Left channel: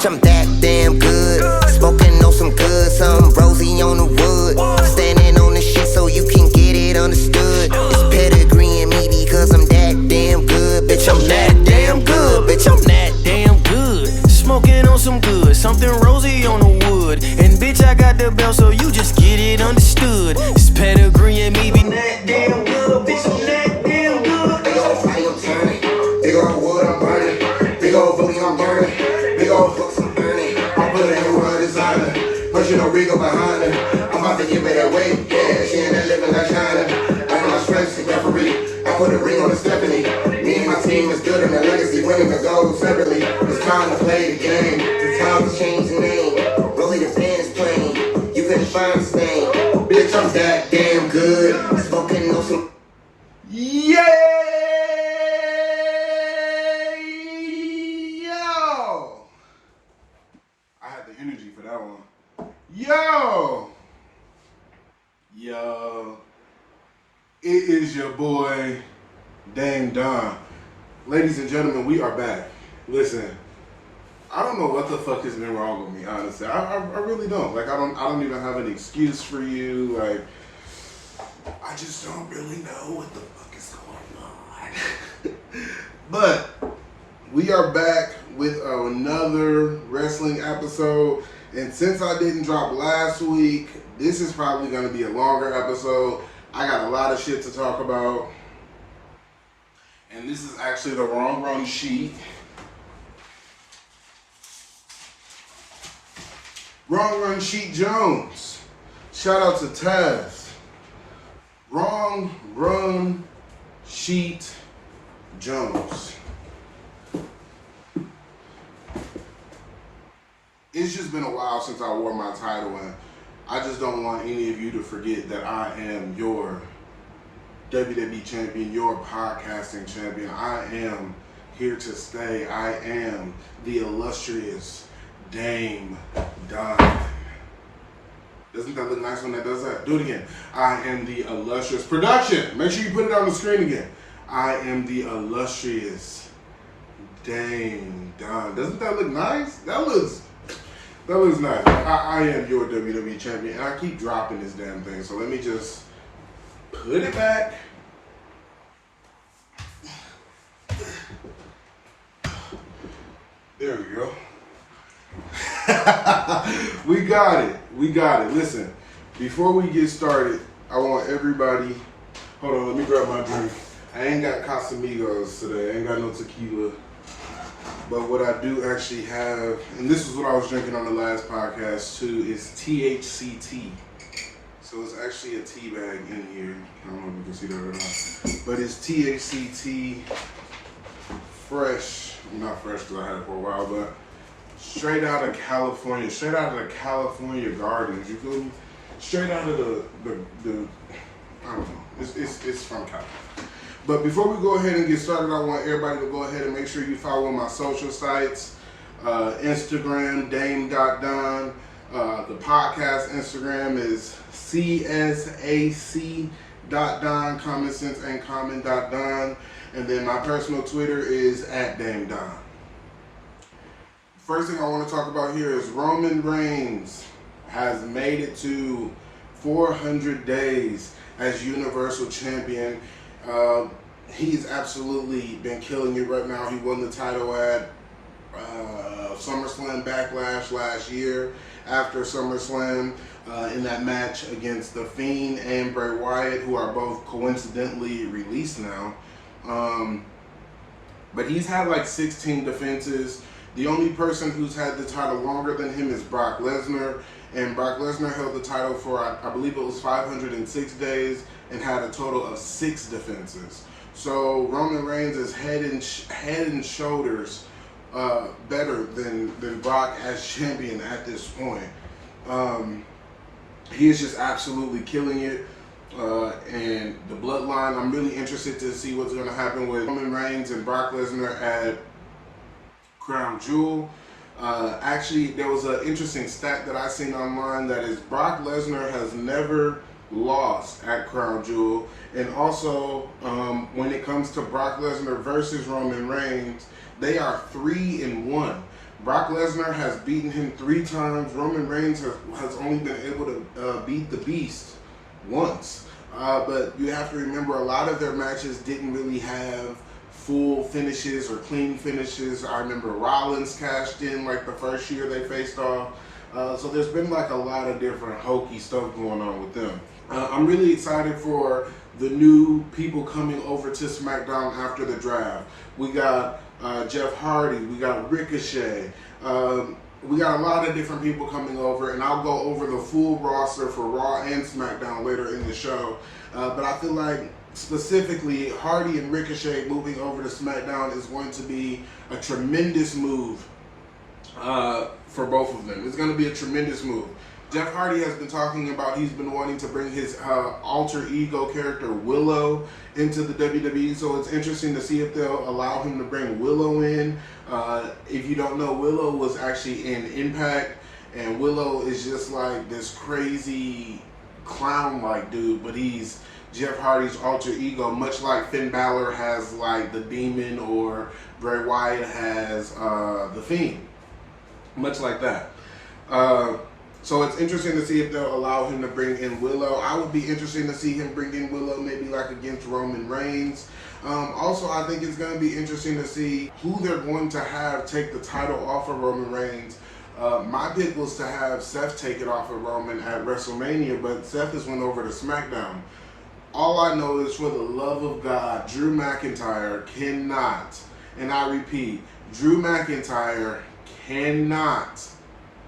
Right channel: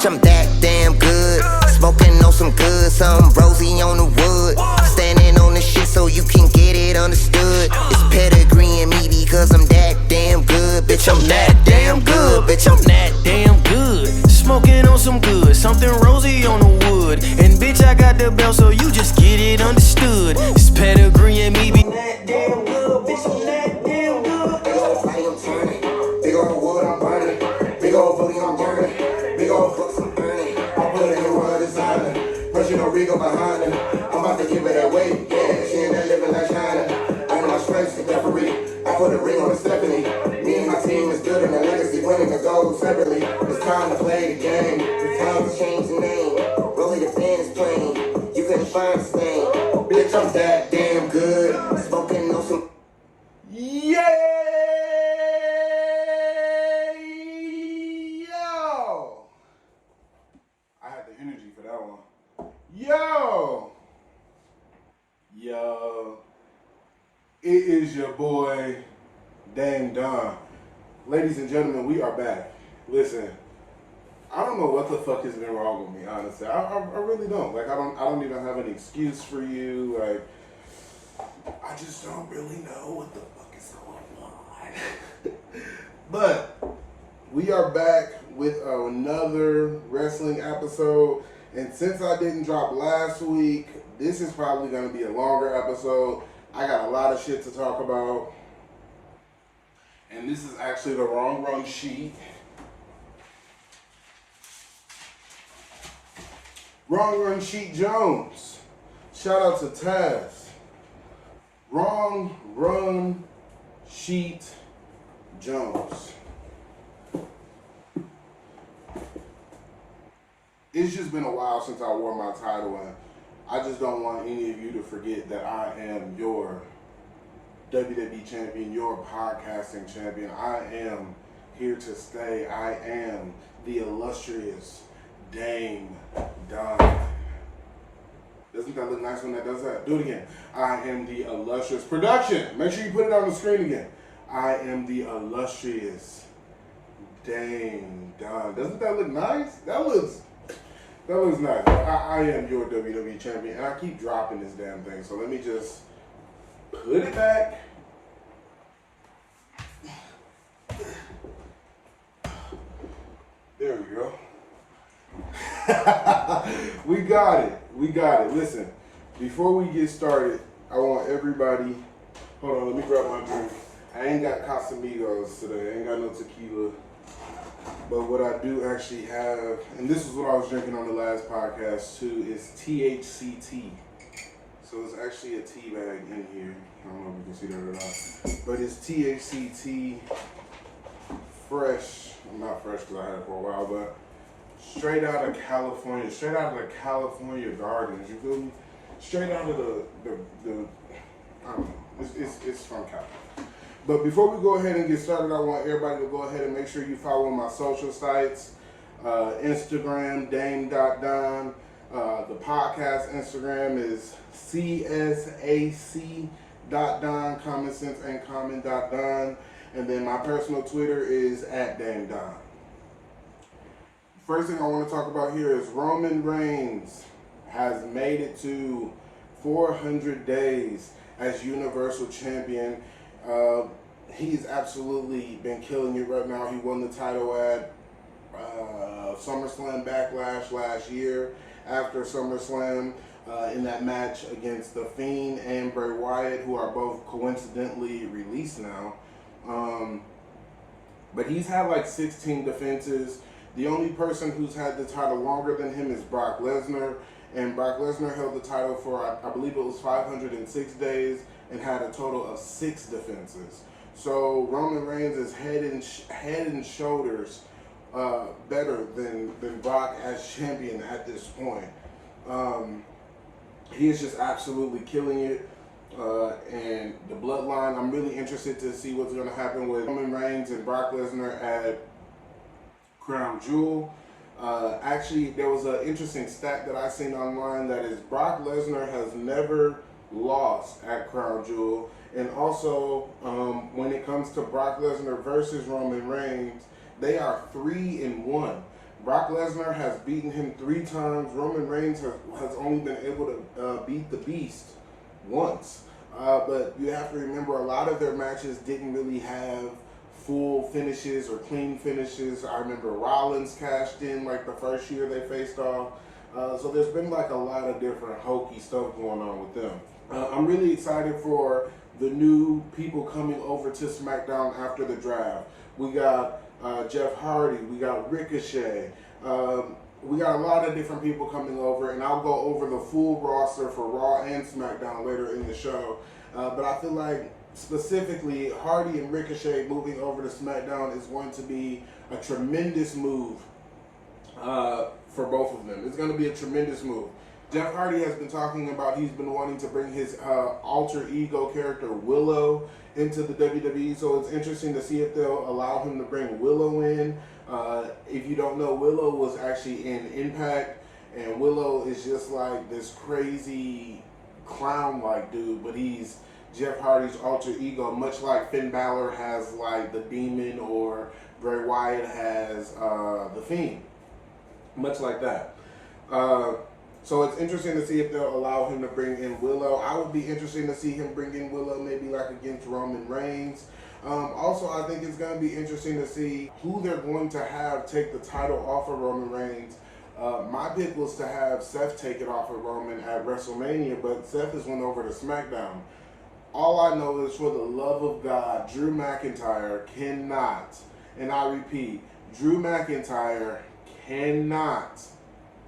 bitch, I'm that damn good. Smoking on some good, some rosy on the wood. Standing on the shit so you can get it understood. It's pedigree in me because I'm that damn good. Bitch, I'm that damn good. Bitch, I'm that damn good. Smoking on some good, something rosy on the wood. And bitch, I got the belt, so you just get it understood. It's pedigree and me be that damn good, bitch, I'm that damn good. Big ol' fire, I'm turning. Big ol' wood, I'm burning. Big ol' booty, I'm burning. Big ol' hooks, I'm burning. I put it in my designer. Pushing a Rico behind her. I'm about to give it that weight. Yeah, she ain't that living like China. I got my strengths to referee. I put a ring on the Stephanie. Me and my team is good and the legacy winning the gold separately. It's time to play the game. It's time to change the name. Rolling the band is playing. You couldn't find a stain. Bitch, I'm that damn good. Smoking on some. Yay! Yo! I had the energy for that one. Yo! Yo. It is your boy, Dame Don. Ladies and gentlemen, we are back. Listen, I don't know what the fuck has been wrong with me, honestly. I really don't. Like, I don't even have an excuse for you. Like, I just don't really know what the fuck is going on. But we are back with another wrestling episode. And since I didn't drop last week, this is probably going to be a longer episode. I got a lot of shit to talk about. And this is actually the wrong run sheet. Wrong Run Sheet Jones. Shout out to Taz. Wrong Run Sheet Jones. It's just been a while since I wore my title, and I just don't want any of you to forget that I am your WWE champion, your podcasting champion. I am here to stay. I am the illustrious Dame Don. Doesn't that look nice when that does that? Do it again. I am the illustrious production. Make sure you put it on the screen again. I am the illustrious Dame Don. Doesn't that look nice? That looks nice. I am your WWE champion, and I keep dropping this damn thing. So let me just put it back. There we go. We got it. We got it. Listen, before we get started, I want everybody. Hold on, let me grab my drink. I ain't got Casamigos today. I ain't got no tequila. But what I do actually have, and this is what I was drinking on the last podcast too, is THC tea. So it's actually a tea bag in here. I don't know if you can see that or not. But it's THC tea, fresh. Not fresh because I had it for a while, but straight out of California. Straight out of the California gardens. You feel me? Straight out of the I don't know. It's from California. But before we go ahead and get started, I want everybody to go ahead and make sure you follow my social sites. Instagram, dame.don. The podcast Instagram is C.S.A.C.don, common sense and common.don. And then my personal Twitter is @DameDon. First thing I want to talk about here is Roman Reigns has made it to 400 days as Universal Champion. He's absolutely been killing it right now. He won the title at SummerSlam Backlash last year. After SummerSlam, in that match against The Fiend and Bray Wyatt, who are both coincidentally released now. But he's had like 16 defenses. The only person who's had the title longer than him is Brock Lesnar. And Brock Lesnar held the title for, I believe it was 506 days and had a total of 6 defenses. So Roman Reigns is head and shoulders better than Brock as champion at this point. He is just absolutely killing it. And the bloodline, I'm really interested to see what's going to happen with Roman Reigns and Brock Lesnar at Crown Jewel. Actually, there was an interesting stat that I seen online that is Brock Lesnar has never lost at Crown Jewel. And also, when it comes to Brock Lesnar versus Roman Reigns, they are 3-1. Brock Lesnar has beaten him 3 times. Roman Reigns has only been able to beat the Beast once. But you have to remember, a lot of their matches didn't really have full finishes or clean finishes. I remember Rollins cashed in like the first year they faced off. So there's been like a lot of different hokey stuff going on with them. I'm really excited for the new people coming over to SmackDown after the draft. We got Jeff Hardy, we got Ricochet, we got a lot of different people coming over, and I'll go over the full roster for Raw and SmackDown later in the show. But I feel like specifically Hardy and Ricochet moving over to SmackDown is going to be a tremendous move for both of them. It's going to be a tremendous move. Jeff Hardy has been talking about he's been wanting to bring his alter ego character Willow into the WWE, so it's interesting to see if they'll allow him to bring Willow in. If you don't know, Willow was actually in Impact, and Willow is just like this crazy clown-like dude, but he's Jeff Hardy's alter ego, much like Finn Balor has like the Demon or Bray Wyatt has the Fiend, much like that. So it's interesting to see if they'll allow him to bring in Willow. I would be interested to see him bring in Willow maybe like against Roman Reigns. Also, I think it's going to be interesting to see who they're going to have take the title off of Roman Reigns. My pick was to have Seth take it off of Roman at WrestleMania, but Seth has went over to SmackDown. All I know is, for the love of God, Drew McIntyre cannot, and I repeat, Drew McIntyre cannot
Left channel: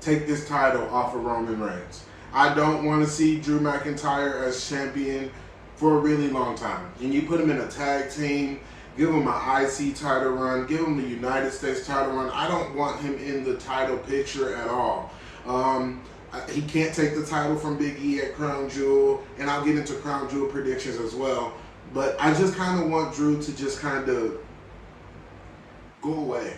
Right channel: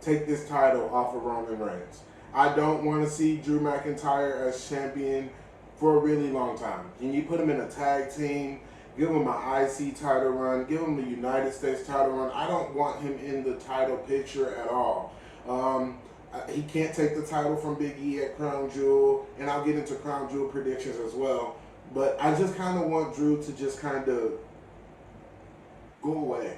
take this title off of Roman Reigns. I don't want to see Drew McIntyre as champion for a really long time. And you put him in a tag team, give him an IC title run, give him the United States title run. I don't want him in the title picture at all. He can't take the title from Big E at Crown Jewel, and I'll get into Crown Jewel predictions as well. But I just kind of want Drew to just kind of go away.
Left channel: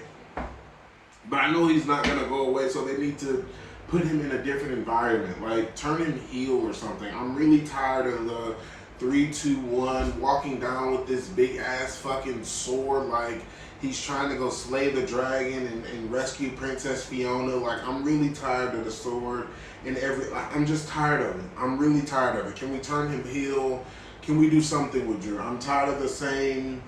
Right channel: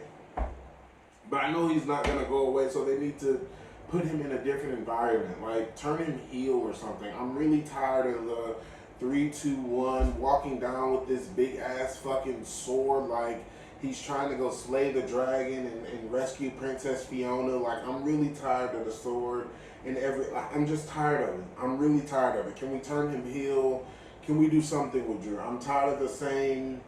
But I know he's not going to go away, so they need to put him in a different environment. Like, turn him heel or something. I'm really tired of the 3-2-1, walking down with this big-ass fucking sword like he's trying to go slay the dragon and rescue Princess Fiona. Like, I'm really tired of the sword and I'm just tired of it. I'm really tired of it. Can we turn him heel? Can we do something with Drew? I'm tired of the same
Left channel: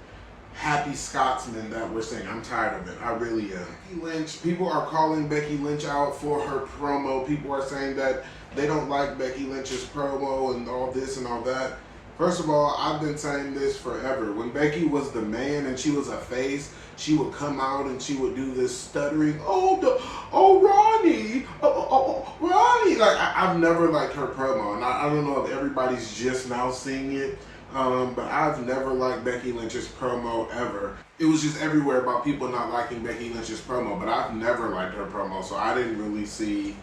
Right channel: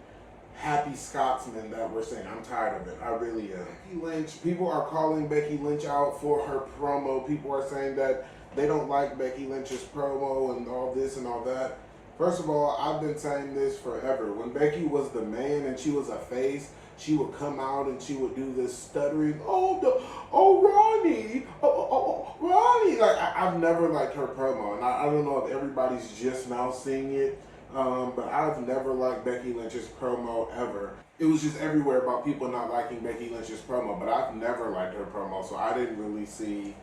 happy Scotsman that we're saying. I'm tired of it. I really am. Becky Lynch, people are calling Becky Lynch out for her promo. People are saying that they don't like Becky Lynch's promo and all this and all that. First of all, I've been saying this forever. When Becky was the man and she was a face, she would come out and she would do this stuttering, Ronnie, Ronnie. Like, I've never liked her promo, and I don't know if everybody's just now seeing it. But I've never liked Becky Lynch's promo ever. It was just everywhere about people not liking Becky Lynch's promo, but I've never liked her promo, so I didn't really see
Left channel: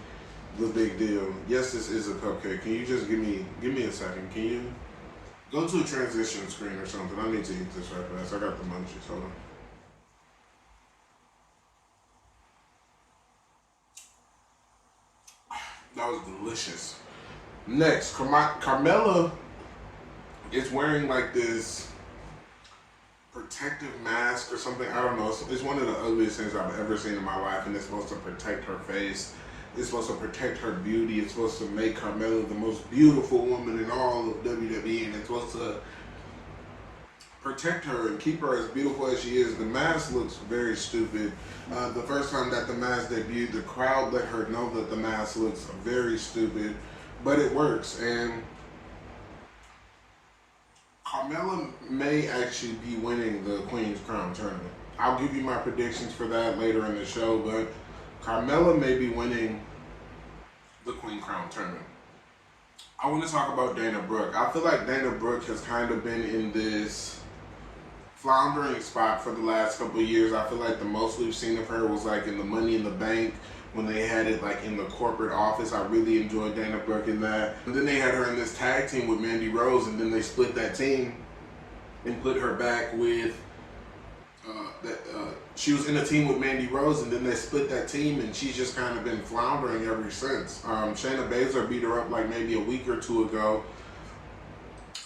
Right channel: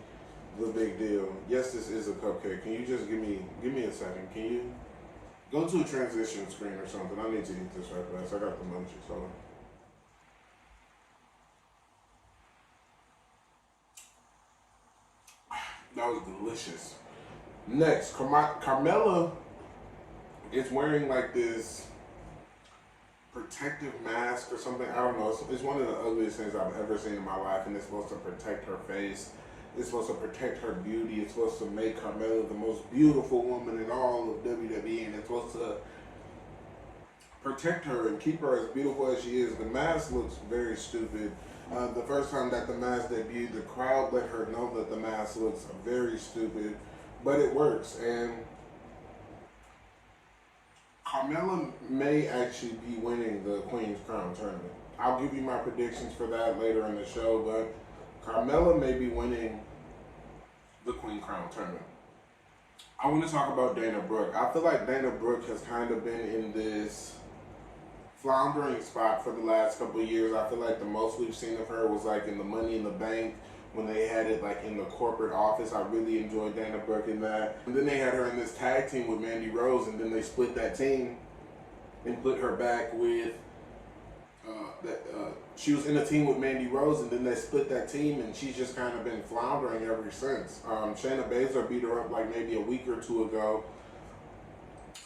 the big deal. Yes, this is a cupcake. Can you just give me a second? Can you go to a transition screen or something? I need to eat this right fast. I got the munchies. Hold on. That was delicious. Next, Carmella is wearing like this protective mask or something. I don't know. It's one of the ugliest things I've ever seen in my life, and it's supposed to protect her face. It's supposed to protect her beauty. It's supposed to make Carmella the most beautiful woman in all of WWE, and it's supposed to protect her and keep her as beautiful as she is. The mask looks very stupid. The first time that the mask debuted, the crowd let her know that the mask looks very stupid, but it works. And Carmella may actually be winning the Queen's Crown tournament. I'll give you my predictions for that later in the show, but Carmella may be winning the Queen Crown tournament. I want to talk about Dana Brooke. I feel like Dana Brooke has kind of been in this floundering spot for the last couple of years. I feel like the most we've seen of her was like in the Money in the Bank, when they had it like in the corporate office. I really enjoyed Dana Brooke in that. And then they had her in this tag team with Mandy Rose, and then they split that team and put her back with she was in a team with Mandy Rose, and then they split that team, and she's just kind of been floundering ever since. Shayna Baszler beat her up like maybe a week or two ago.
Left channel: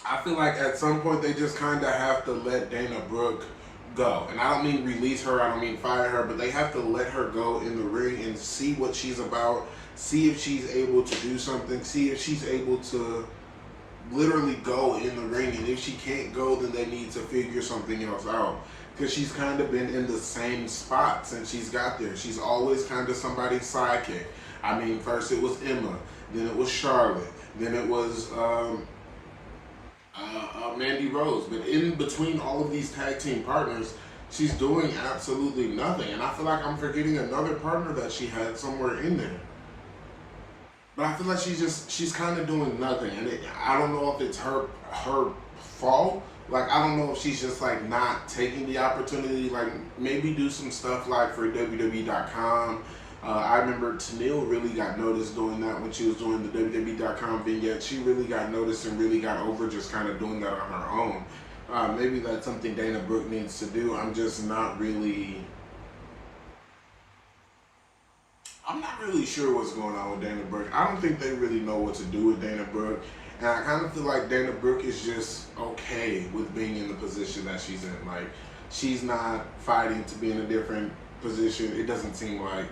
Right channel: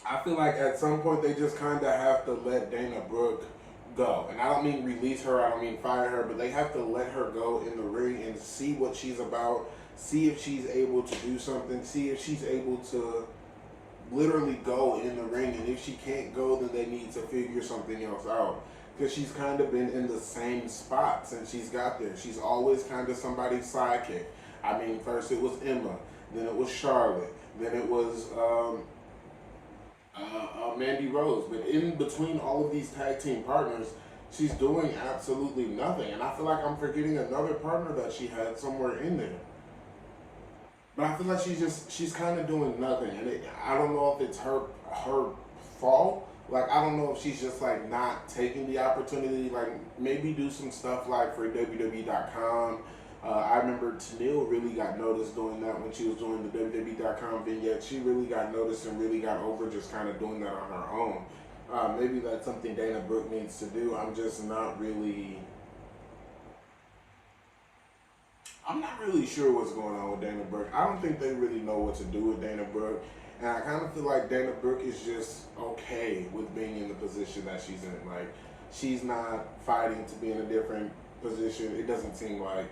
I feel like at some point they just kind of have to let Dana Brooke go. And I don't mean release her, I don't mean fire her, but they have to let her go in the ring and see what she's about, see if she's able to do something, see if she's able to literally go in the ring. And if she can't go, then they need to figure something else out. Because she's kind of been in the same spot since she's got there. She's always kind of somebody's sidekick. I mean, first it was Emma, then it was Charlotte, then it was Mandy Rose. But in between all of these tag team partners, she's doing absolutely nothing. And I feel like I'm forgetting another partner that she had somewhere in there. But I feel like she's kind of doing nothing. And I don't know if it's her fault. Like, I don't know if she's just, like, not taking the opportunity. Like, maybe do some stuff, like, for WWE.com. I remember Tenille really got noticed doing that when she was doing the WWE.com vignette. She really got noticed and really got over just kind of doing that on her own. Maybe that's something Dana Brooke needs to do. I'm not really sure what's going on with Dana Brooke. I don't think they really know what to do with Dana Brooke. And I kind of feel like Dana Brooke is just okay with being in the position that she's in. Like, she's not fighting to be in a different position. It doesn't seem like.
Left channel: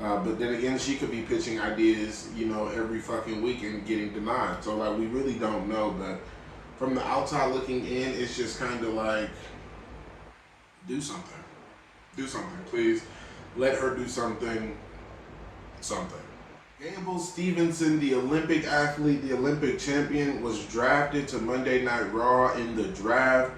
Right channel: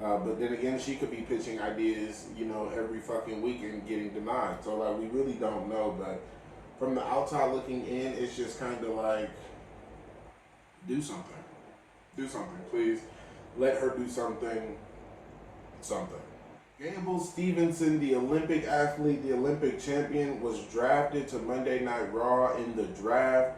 But then again, she could be pitching ideas, you know, every fucking week and getting denied. So, like, we really don't know. But from the outside looking in, it's just kind of like, do something. Do something, please. Let her do something. Gable Stevenson, the Olympic athlete, the Olympic champion, was drafted to Monday Night Raw in the draft.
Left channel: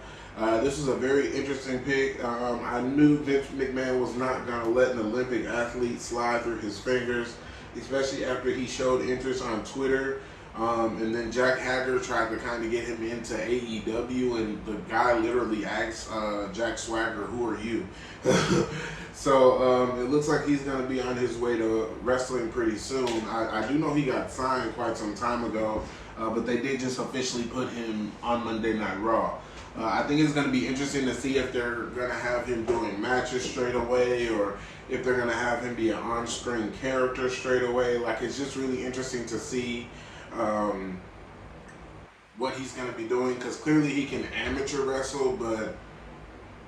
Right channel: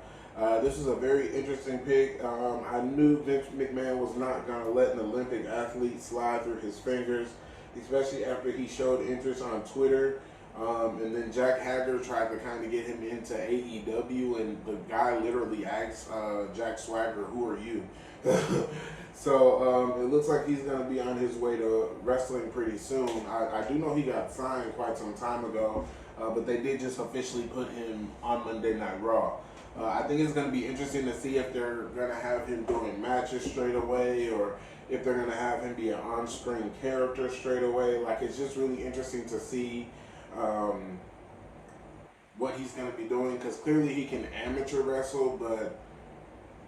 This was a very interesting pick. I knew Vince McMahon was not going to let an Olympic athlete slide through his fingers, especially after he showed interest on Twitter. And then Jack Hager tried to kind of get him into AEW, and the guy literally asked Jack Swagger, "Who are you?" So it looks like he's going to be on his way to wrestling pretty soon. I do know he got signed quite some time ago, but they did just officially put him on Monday Night Raw. I think it's going to be interesting to see if they're going to have him doing matches straight away, or if they're going to have him be an on-screen character straight away. Like, it's just really interesting to see what he's going to be doing, because clearly he can amateur wrestle, but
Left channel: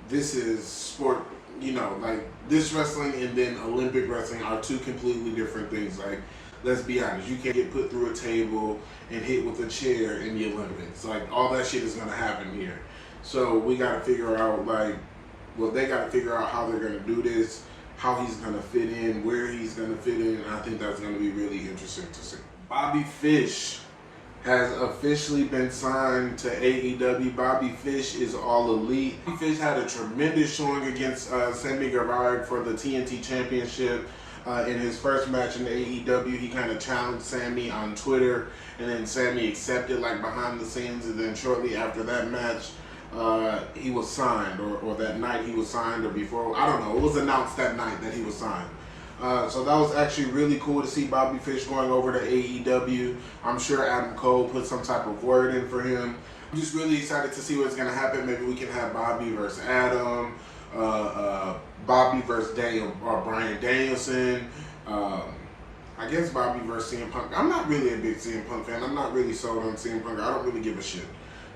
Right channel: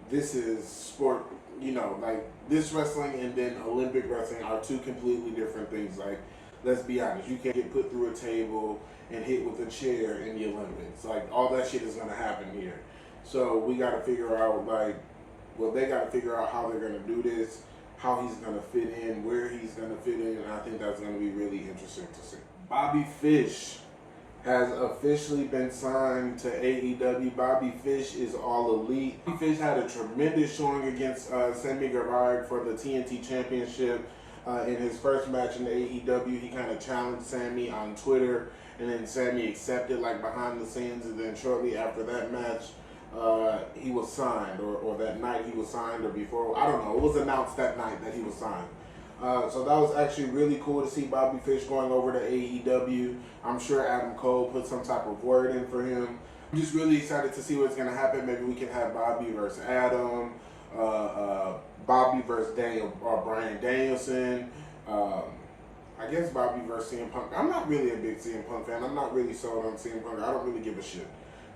this is sport, you know, like, this wrestling and then Olympic wrestling are two completely different things. Like, let's be honest, you can't get put through a table and hit with a chair in the Olympics. Like, all that shit is going to happen here. So we got to figure out, like, well, they got to figure out how they're going to do this, how he's going to fit in, where he's going to fit in, and I think that's going to be really interesting to see. Bobby Fish has officially been signed to AEW. Bobby Fish is all elite. Bobby Fish had a tremendous showing against Sammy Guevara for the TNT Championship. In his first match in AEW, he kind of challenged Sammy on Twitter, and then Sammy accepted, like, behind the scenes, and then shortly after that match, he was signed, or that night he was signed, or before, I don't know, it was announced that night that he was signed. So that was actually really cool to see Bobby Fish going over to AEW. I'm sure Adam Cole put some type of word in for him. I'm just really excited to see what's going to happen. Maybe we can have Bobby versus Adam, Bobby versus Bryan Danielson, I guess Bobby versus CM Punk. I'm not really a big CM Punk fan. I'm not really sold on CM Punk. I don't really give a shit.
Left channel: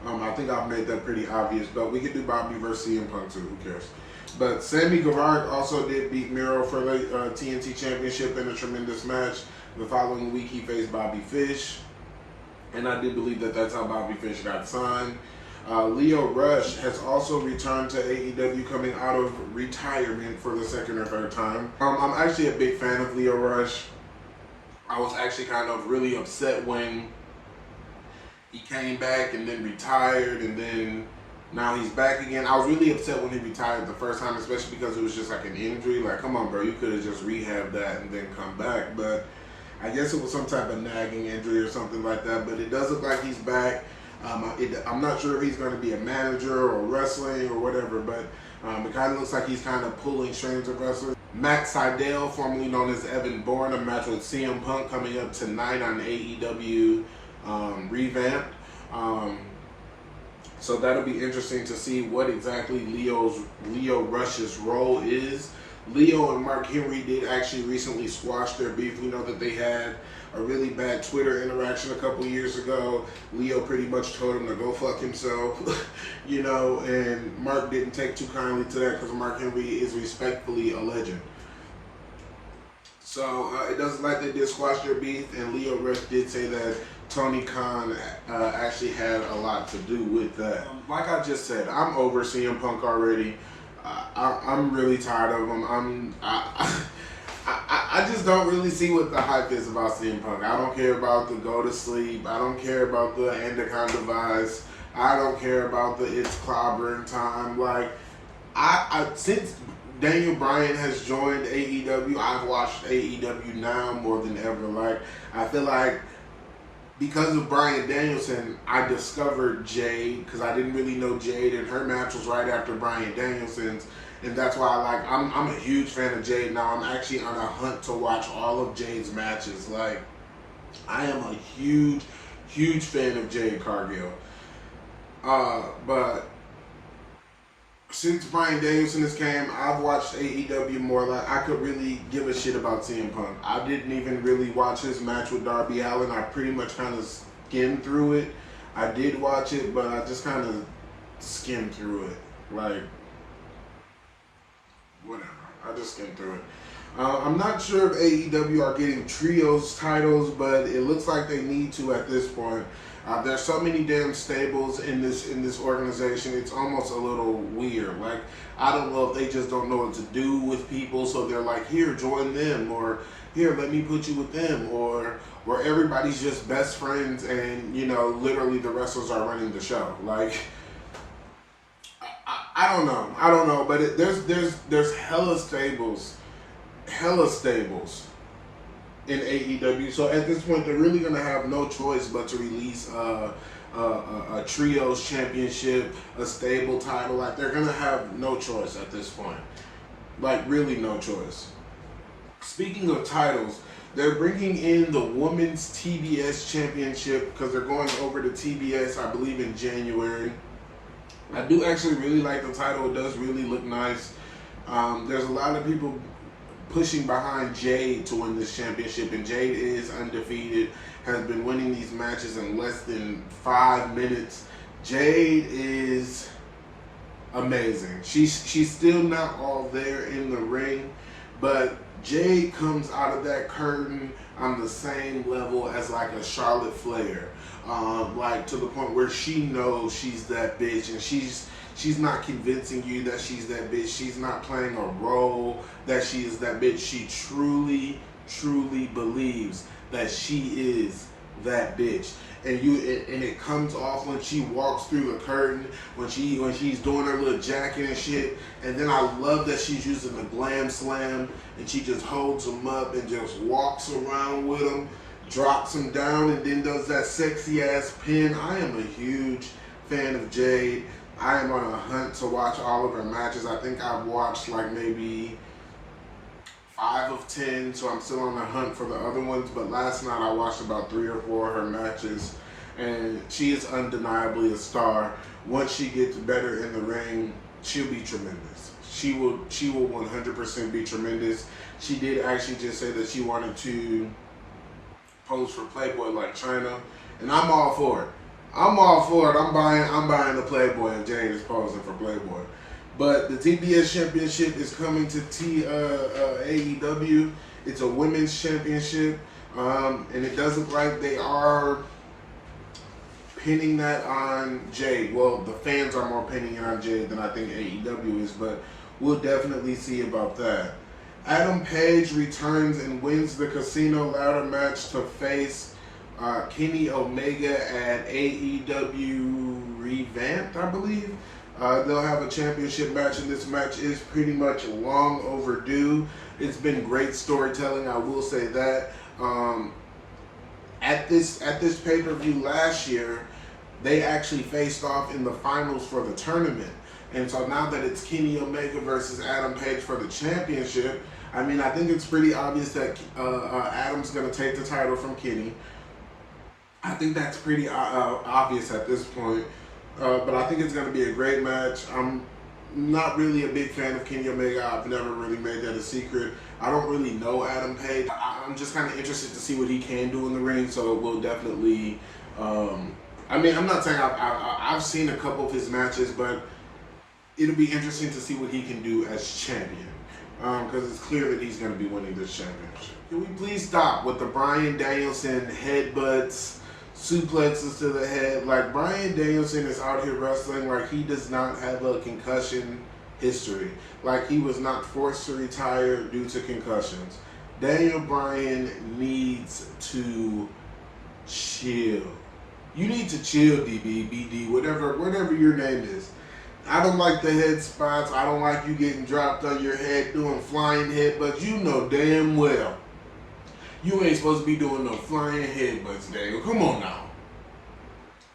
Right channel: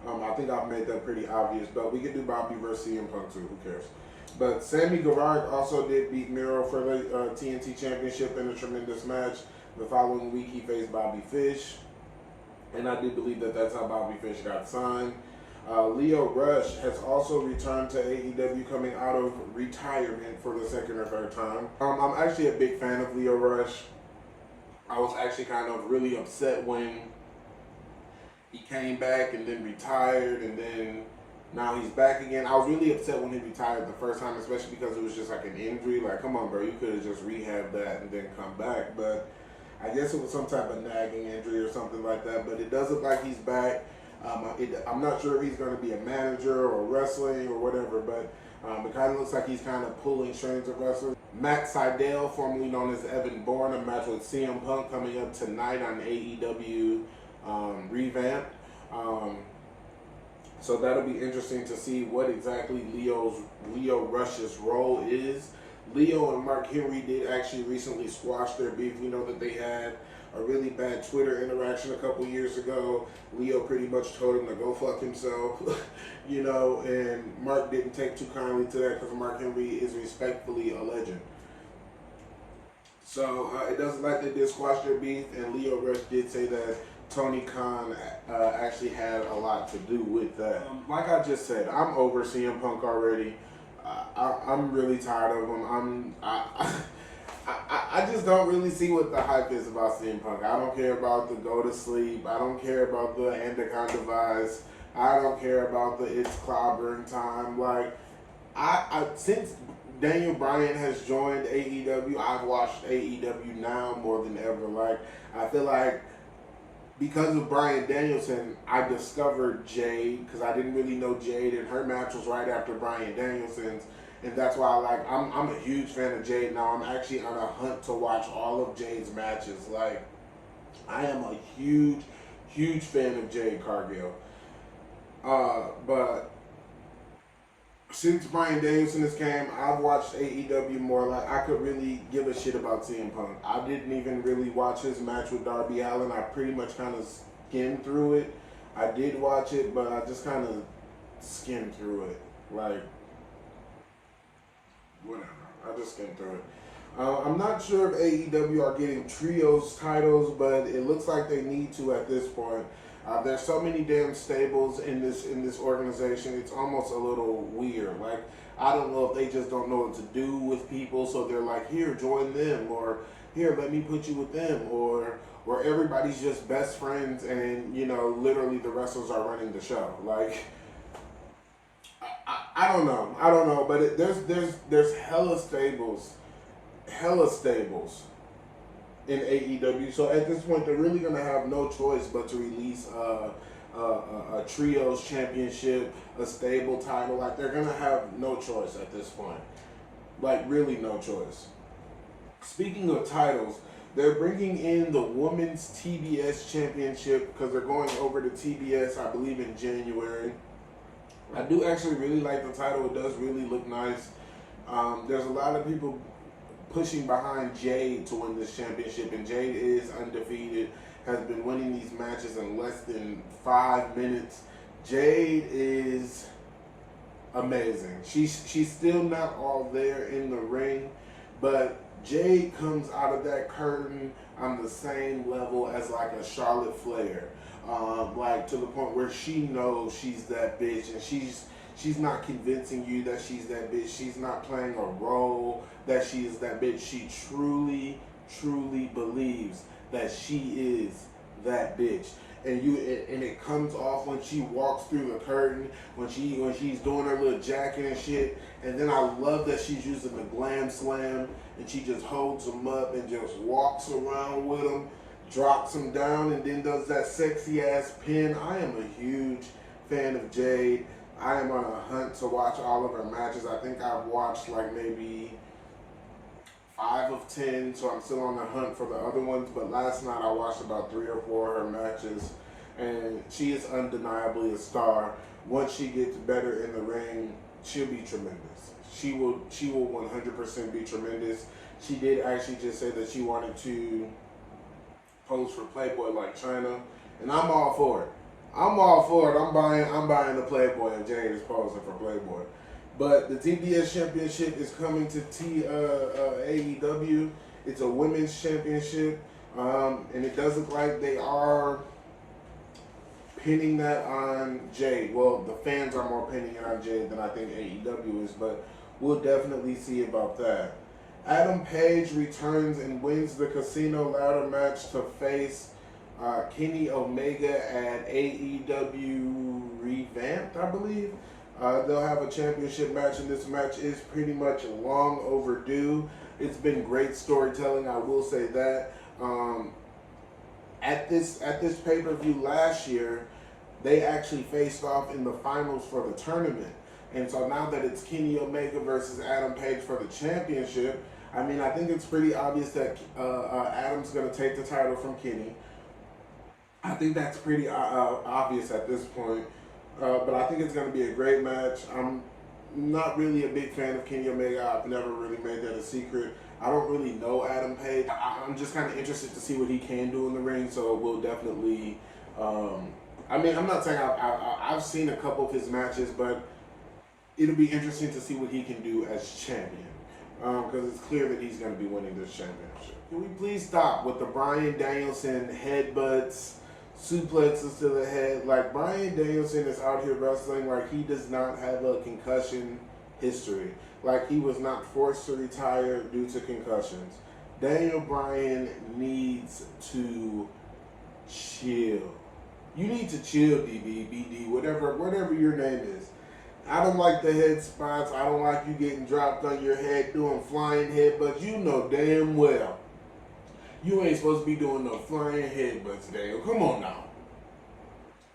I think I've made that pretty obvious, but we could do Bobby versus CM Punk too. Who cares? But Sammy Guevara also did beat Miro for the TNT Championship in a tremendous match. The following week, he faced Bobby Fish, and I do believe that that's how Bobby Fish got signed. Lio Rush has also returned to AEW, coming out of retirement for the second or third time. I'm actually a big fan of Lio Rush. I was actually kind of really upset when he came back and then retired, and then now he's back again. I was really upset when he retired the first time, especially because it was just like an injury. Like, come on, bro, you could have just rehabbed that and then come back. But I guess it was some type of nagging injury or something like that. But it does look like he's back. I'm not sure if he's going to be a manager or wrestling or whatever, but it kind of looks like he's kind of pulling strings of wrestlers. Matt Sydal, formerly known as Evan Bourne, a match with CM Punk coming up tonight on AEW Revamped. So that'll be interesting to see what exactly Lio Rush's role is. Lio and Mark Henry did actually recently squash their beef. We know that they had a really bad Twitter interaction a couple years ago. Leo pretty much told him to go fuck himself, you know, and Mark didn't take too kindly to that because Mark Henry is respectfully a legend. So it doesn't like they did squash their beef, and Leo Rush did say that Tony Khan actually had a lot to do with that. Like I just said, I'm over CM Punk already. I'm really tired of him. I just don't really see what the hype is about CM Punk. I don't care about the go to sleep. I don't care about the Endocrine device. I don't care about the it's clobbering time. Like, since Daniel Bryan has joined AEW, I've watched AEW now more than ever. Like, I feel like because of Bryan Danielson, I discovered Jade, because I didn't really know Jade, and her match was right after Bryan Danielson's, and that's why I'm a huge fan of Jade now. I'm actually on a hunt to watch all of Jade's matches. Like, I am a huge, huge fan of Jade Cargill. But since Bryan Danielson has came, I've watched AEW more. Like, I could really give a shit about CM Punk. I didn't even really watch his match with Darby Allin. I pretty much kind of skimmed through it. I did watch it, but I just kind of skimmed through it. Like, whatever. I just skimmed through it. I'm not sure if AEW are getting trios titles, but it looks like they need to at this point. There's so many damn stables in this organization. It's almost a little weird. Like, I don't know if they just don't know what to do with people, so they're like, here, join them, or here, let me put you with them, or everybody's just best friends, and, you know, literally the wrestlers are running the show. Like, I don't know, but there's hella stables in AEW. So at this point, they're really gonna have no choice but to release a trios championship, a stable title. Like, they're gonna have no choice at this point. Like, really no choice. Speaking of titles, they're bringing in the Women's TBS Championship because they're going over to TBS, I believe, in January. I do actually really like the title. It does really look nice. There's a lot of people pushing behind Jade to win this championship, and Jade is undefeated, has been winning these matches in less than 5 minutes. Jade is amazing. She's still not all there in the ring, but Jade comes out of that curtain on the same level as like a Charlotte Flair, like to the point where she knows she's that bitch, and she's not convincing you that she's that bitch. She's not playing a role that she is that bitch. She truly, truly believes that she is that bitch. And it comes off when she walks through the curtain, when she's doing her little jacket and shit. And then I love that she's using the glam slam, and she just holds them up and just walks around with them, drops them down, and then does that sexy ass pin. I am a huge fan of Jade. I am on a hunt to watch all of her matches. I think I've watched like maybe 5 of 10, so I'm still on the hunt for the other ones. But last night I watched about 3 or 4 of her matches, and she is undeniably a star. Once she gets better in the ring, she'll be tremendous. She will 100% be tremendous. She did actually just say that she wanted to pose for Playboy like China, and I'm all for it. I'm all for it. I'm buying the Playboy if Jade is posing for Playboy. But the TBS Championship is coming to AEW. It's a women's championship, and it does look like they are pinning that on Jade. Well, the fans are more pinning it on Jade than I think AEW is, but we'll definitely see about that. Adam Page returns and wins the Casino Ladder match to face Kenny Omega at AEW Revamped, I believe. They'll have a championship match, and this match is pretty much long overdue. It's been great storytelling, I will say that. At this pay-per-view last year, they actually faced off in the finals for the tournament. And so now that it's Kenny Omega versus Adam Page for the championship, I mean, I think it's pretty obvious that Adam's going to take the title from Kenny. I think that's pretty obvious at this point. But I think it's going to be a great match. I'm not really a big fan of Kenny Omega. I've never really made that a secret. I don't really know Adam Page. I'm just kind of interested to see what he can do in the ring, so we'll definitely, I mean, I'm not saying I've seen a couple of his matches, but it'll be interesting to see what he can do as champion, because it's clear that he's going to be winning this championship. Can we please stop with the Bryan Danielson headbutts, suplexes to the head? Like, Bryan Danielson is out here wrestling like he does not have a concussion history. Like, he was not forced to retire due to concussions. Daniel Bryan needs to chill. You need to chill, DB, BD, whatever your name is. I don't like the head spots. I don't like you getting dropped on your head doing flying headbutts. You know damn well you ain't supposed to be doing no flying headbutts, Daniel. Come on now.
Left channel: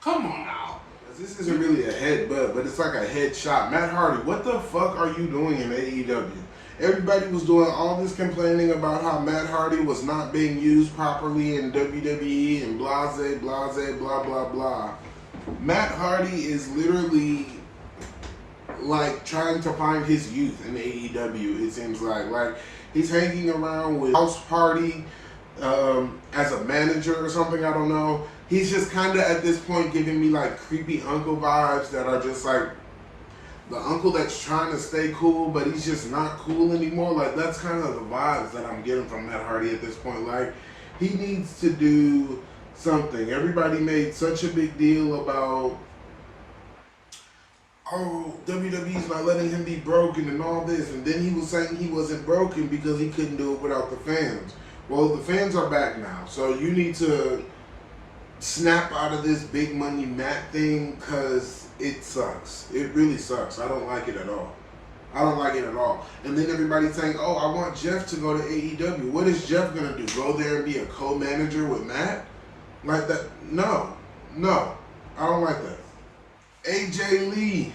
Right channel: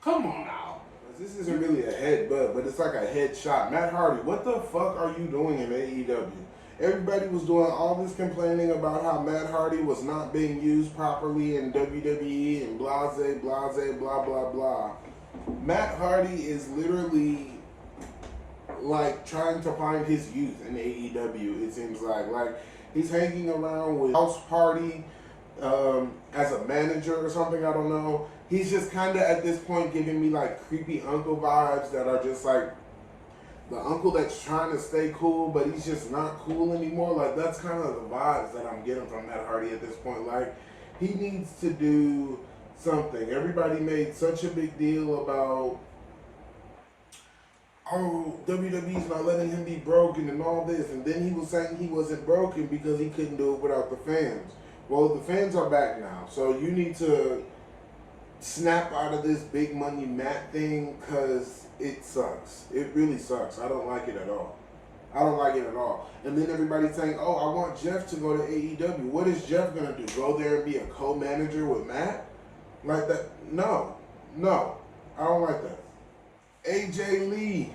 Come on now. This isn't really a headbutt, but it's like a headshot. Matt Hardy, what the fuck are you doing in AEW? Everybody was doing all this complaining about how Matt Hardy was not being used properly in WWE and blase, blase, blah, blah, blah. Matt Hardy is literally like trying to find his youth in AEW, it seems like. Like, he's hanging around with House Party as a manager or something, I don't know. He's just kind of at this point giving me like creepy uncle vibes that are just like the uncle that's trying to stay cool, but he's just not cool anymore. Like, that's kind of the vibes that I'm getting from Matt Hardy at this point. Like, he needs to do something. Everybody made such a big deal about, oh, WWE's not letting him be broken and all this, and then he was saying he wasn't broken because he couldn't do it without the fans. Well, the fans are back now, so you need to snap out of this big money Matt thing, because it sucks. It really sucks. I don't like it at all. I don't like it at all. And then everybody's saying, oh, I want Jeff to go to AEW. What is Jeff going to do? Go there and be a co-manager with Matt? Like that? No. No. I don't like that. AJ Lee.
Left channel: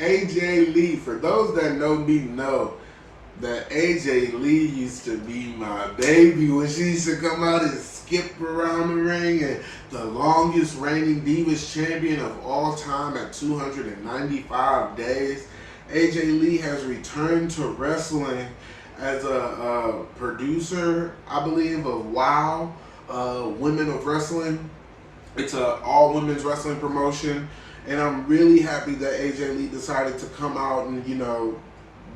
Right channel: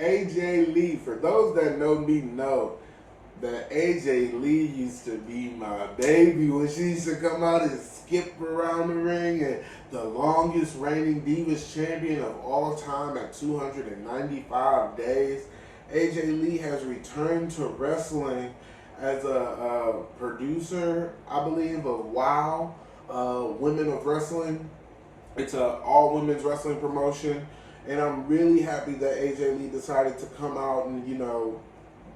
AJ Lee. For those that know me know that AJ Lee used to be my baby when she used to come out and skip around the ring, and the longest reigning Divas champion of all time at 295 days. AJ Lee has returned to wrestling as a producer, I believe, of WOW, Women of Wrestling. It's an all-women's wrestling promotion, and I'm really happy that AJ Lee decided to come out and, you know,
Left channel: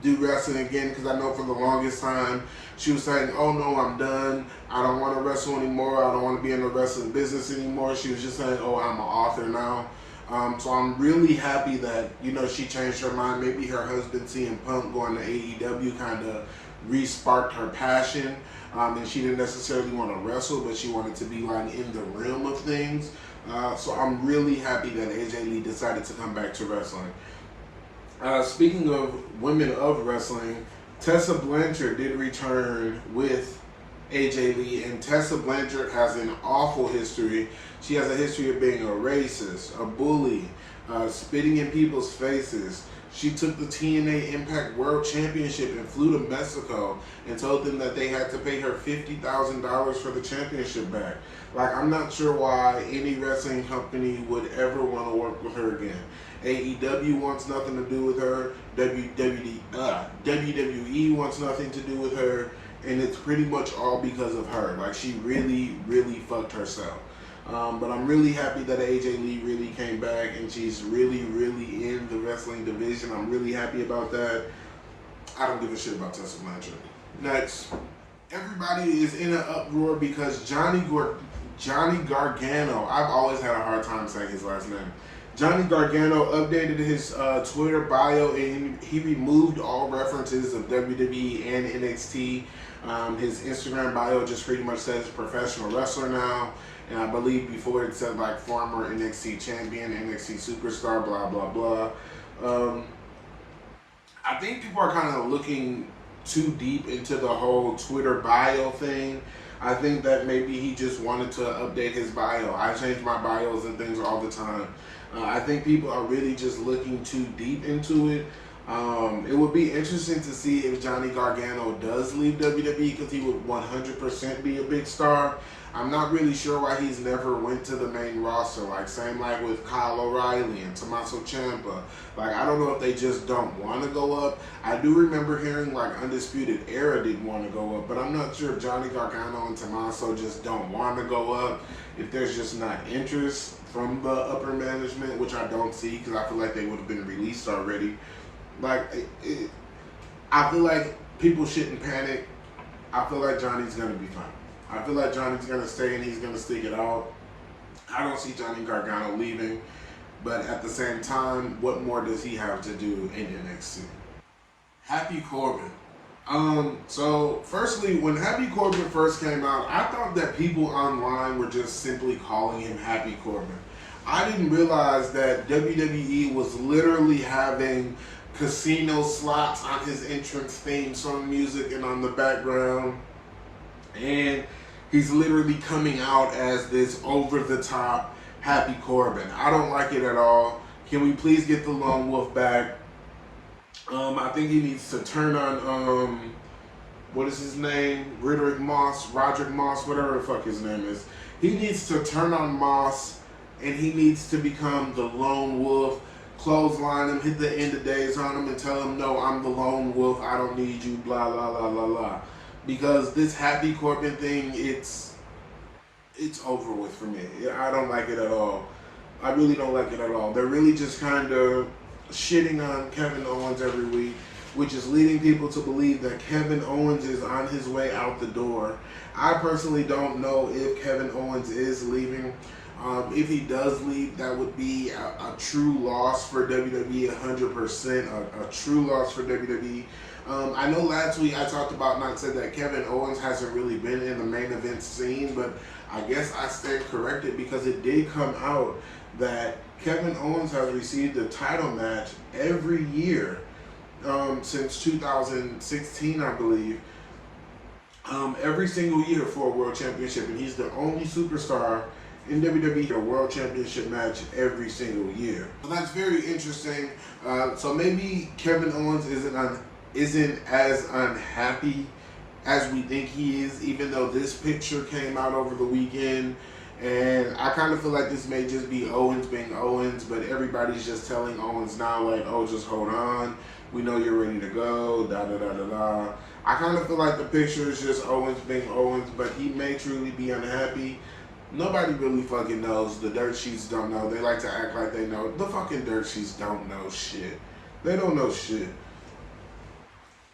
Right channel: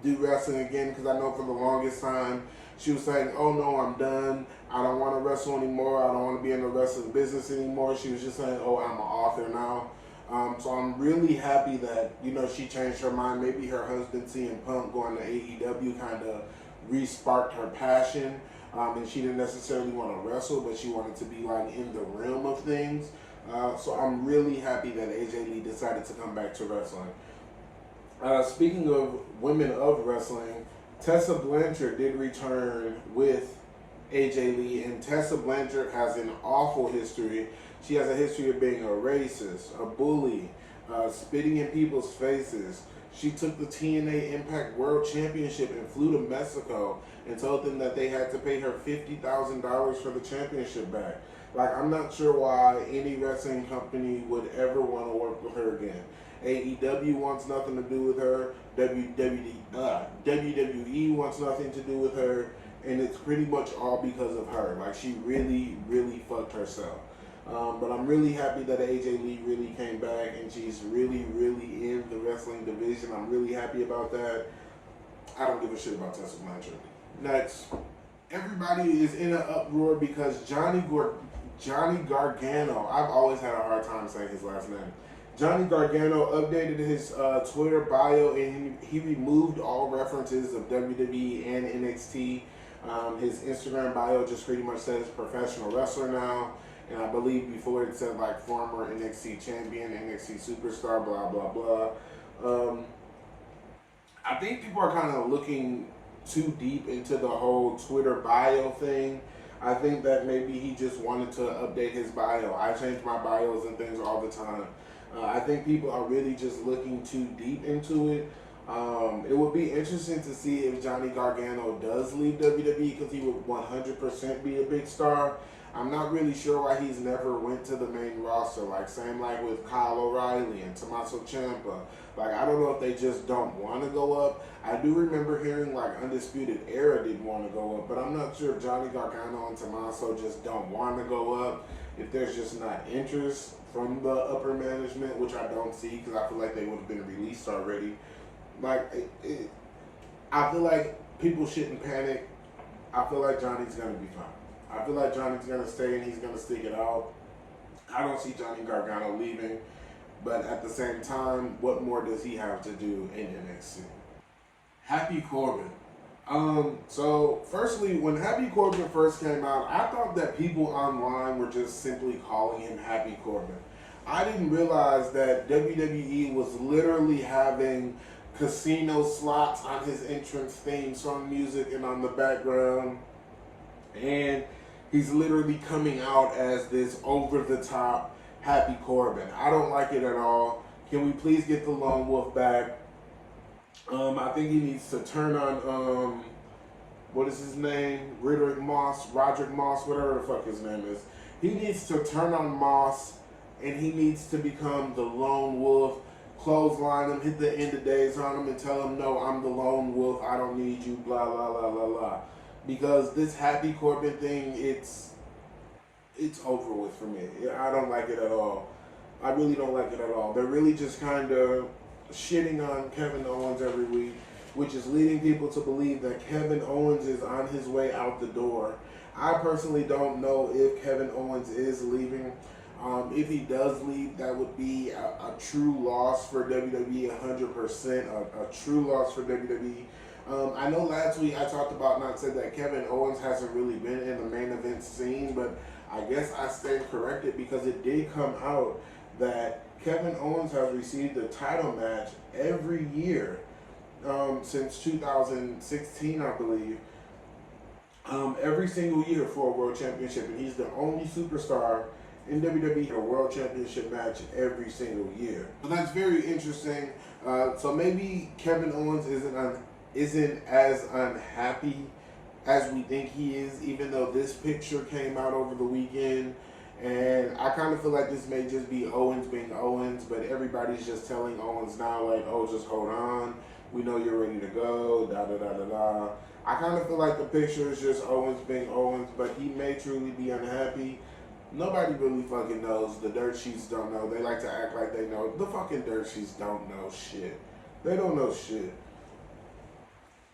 do wrestling again, because I know for the longest time she was saying, oh no, I'm done. I don't want to wrestle anymore. I don't want to be in the wrestling business anymore. She was just saying, oh, I'm an author now. So I'm really happy that, you know, she changed her mind. Maybe her husband, CM Punk, going to AEW kind of re-sparked her passion. And she didn't necessarily want to wrestle, but she wanted to be like in the realm of things. So I'm really happy that AJ Lee decided to come back to wrestling. Speaking of women of wrestling, Tessa Blanchard did return with AJ Lee, and Tessa Blanchard has an awful history. She has a history of being a racist, a bully, spitting in people's faces. She took the TNA Impact World Championship and flew to Mexico and told them that they had to pay her $50,000 for the championship back. Like, I'm not sure why any wrestling company would ever want to work with her again. AEW wants nothing to do with her. WWE wants nothing to do with her. And it's pretty much all because of her. Like, she really, really fucked herself. But I'm really happy that AJ Lee really came back and she's really, really in the wrestling division. I'm really happy about that. I don't give a shit about Tessa Blanchard. Next, everybody is in an uproar because Johnny Gargano, I've always had a hard time saying his last name. Johnny Gargano updated his Twitter bio, and he removed all references of WWE and NXT. His Instagram bio just pretty much says professional wrestler now. And I believe before it said like former NXT champion, NXT superstar, blah, blah, blah. I think people are kind of looking too deep into the whole Twitter bio thing. I think that maybe he just wanted to update his bio. I change my bios and things all the time. I think people are really just looking too deep into it. It would be interesting to see if Johnny Gargano does leave WWE, because he would 100% be a big star. I'm not really sure why he's never went to the main roster. Like, same like with Kyle O'Reilly and Tommaso Ciampa. Like, I don't know if they just don't want to go up. I do remember hearing like Undisputed Era didn't want to go up, but I'm not sure if Johnny Gargano and Tommaso just don't want to go up. If there's just not interest from the upper management, which I don't see, because I feel like they would have been released already. Like, I feel like people shouldn't panic. I feel like Johnny's going to be fine. I feel like Johnny's going to stay and he's going to stick it out. I don't see Johnny Gargano leaving. But at the same time, what more does he have to do in NXT? Happy Corbin. So firstly, when Happy Corbin first came out, I thought that people online were just simply calling him Happy Corbin. I didn't realize that WWE was literally having casino slots on his entrance theme song music and on the background. And he's literally coming out as this over-the-top Happy Corbin. I don't like it at all. Can we please get the Lone Wolf back? I think he needs to turn on, what is his name? Roderick Moss, whatever the fuck his name is. He needs to turn on Moss, and he needs to become the Lone Wolf, clothesline him, hit the end of days on him, and tell him, no, I'm the Lone Wolf, I don't need you, blah, blah, blah, blah, blah. Because this Happy Corbin thing, it's over with for me. I don't like it at all. I really don't like it at all. They're really just kind of shitting on Kevin Owens every week, which is leading people to believe that Kevin Owens is on his way out the door. I personally don't know if Kevin Owens is leaving. If he does leave, that would be a true loss for WWE, 100%, a true loss for WWE. I know last week I talked about, not said that Kevin Owens hasn't really been in the main event scene, but I guess I stand corrected because it did come out that Kevin Owens has received a title match every year since 2016, I believe. Every single year for a World Championship, and he's the only superstar in WWE a World Championship match every single year. So that's very interesting. So maybe Kevin Owens isn't as unhappy as we think he is, even though this picture came out over the weekend. And I kind of feel like this may just be Owens being Owens, but everybody's just telling Owens now, like, oh, just hold on. We know you're ready to go, da-da-da-da-da. I kind of feel like the picture is just Owens being Owens, but he may truly be unhappy. Nobody really fucking knows. The dirt sheets don't know. They like to act like they know. The fucking dirt sheets don't know shit. They don't know shit.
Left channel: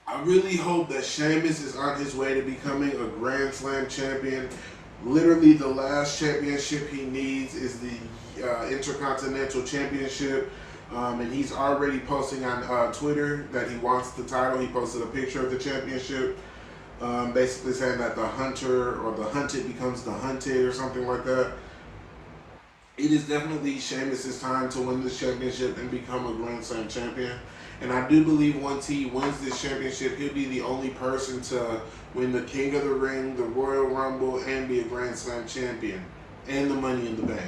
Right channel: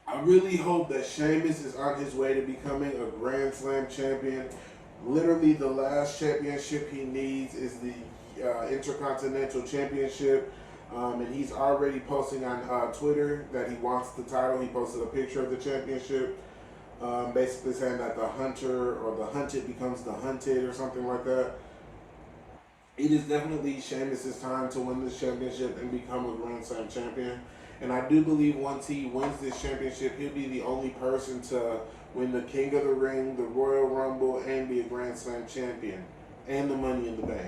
I really hope that Sheamus is on his way to becoming a Grand Slam champion. Literally, the last championship he needs is the Intercontinental Championship. And he's already posting on Twitter that he wants the title. He posted a picture of the championship, basically saying that the hunter or the hunted becomes the hunted or something like that. It is definitely Sheamus' time to win this championship and become a Grand Slam champion. And I do believe once he wins this championship, he'll be the only person to win the King of the Ring, the Royal Rumble, and be a Grand Slam champion, and the Money in the Bank.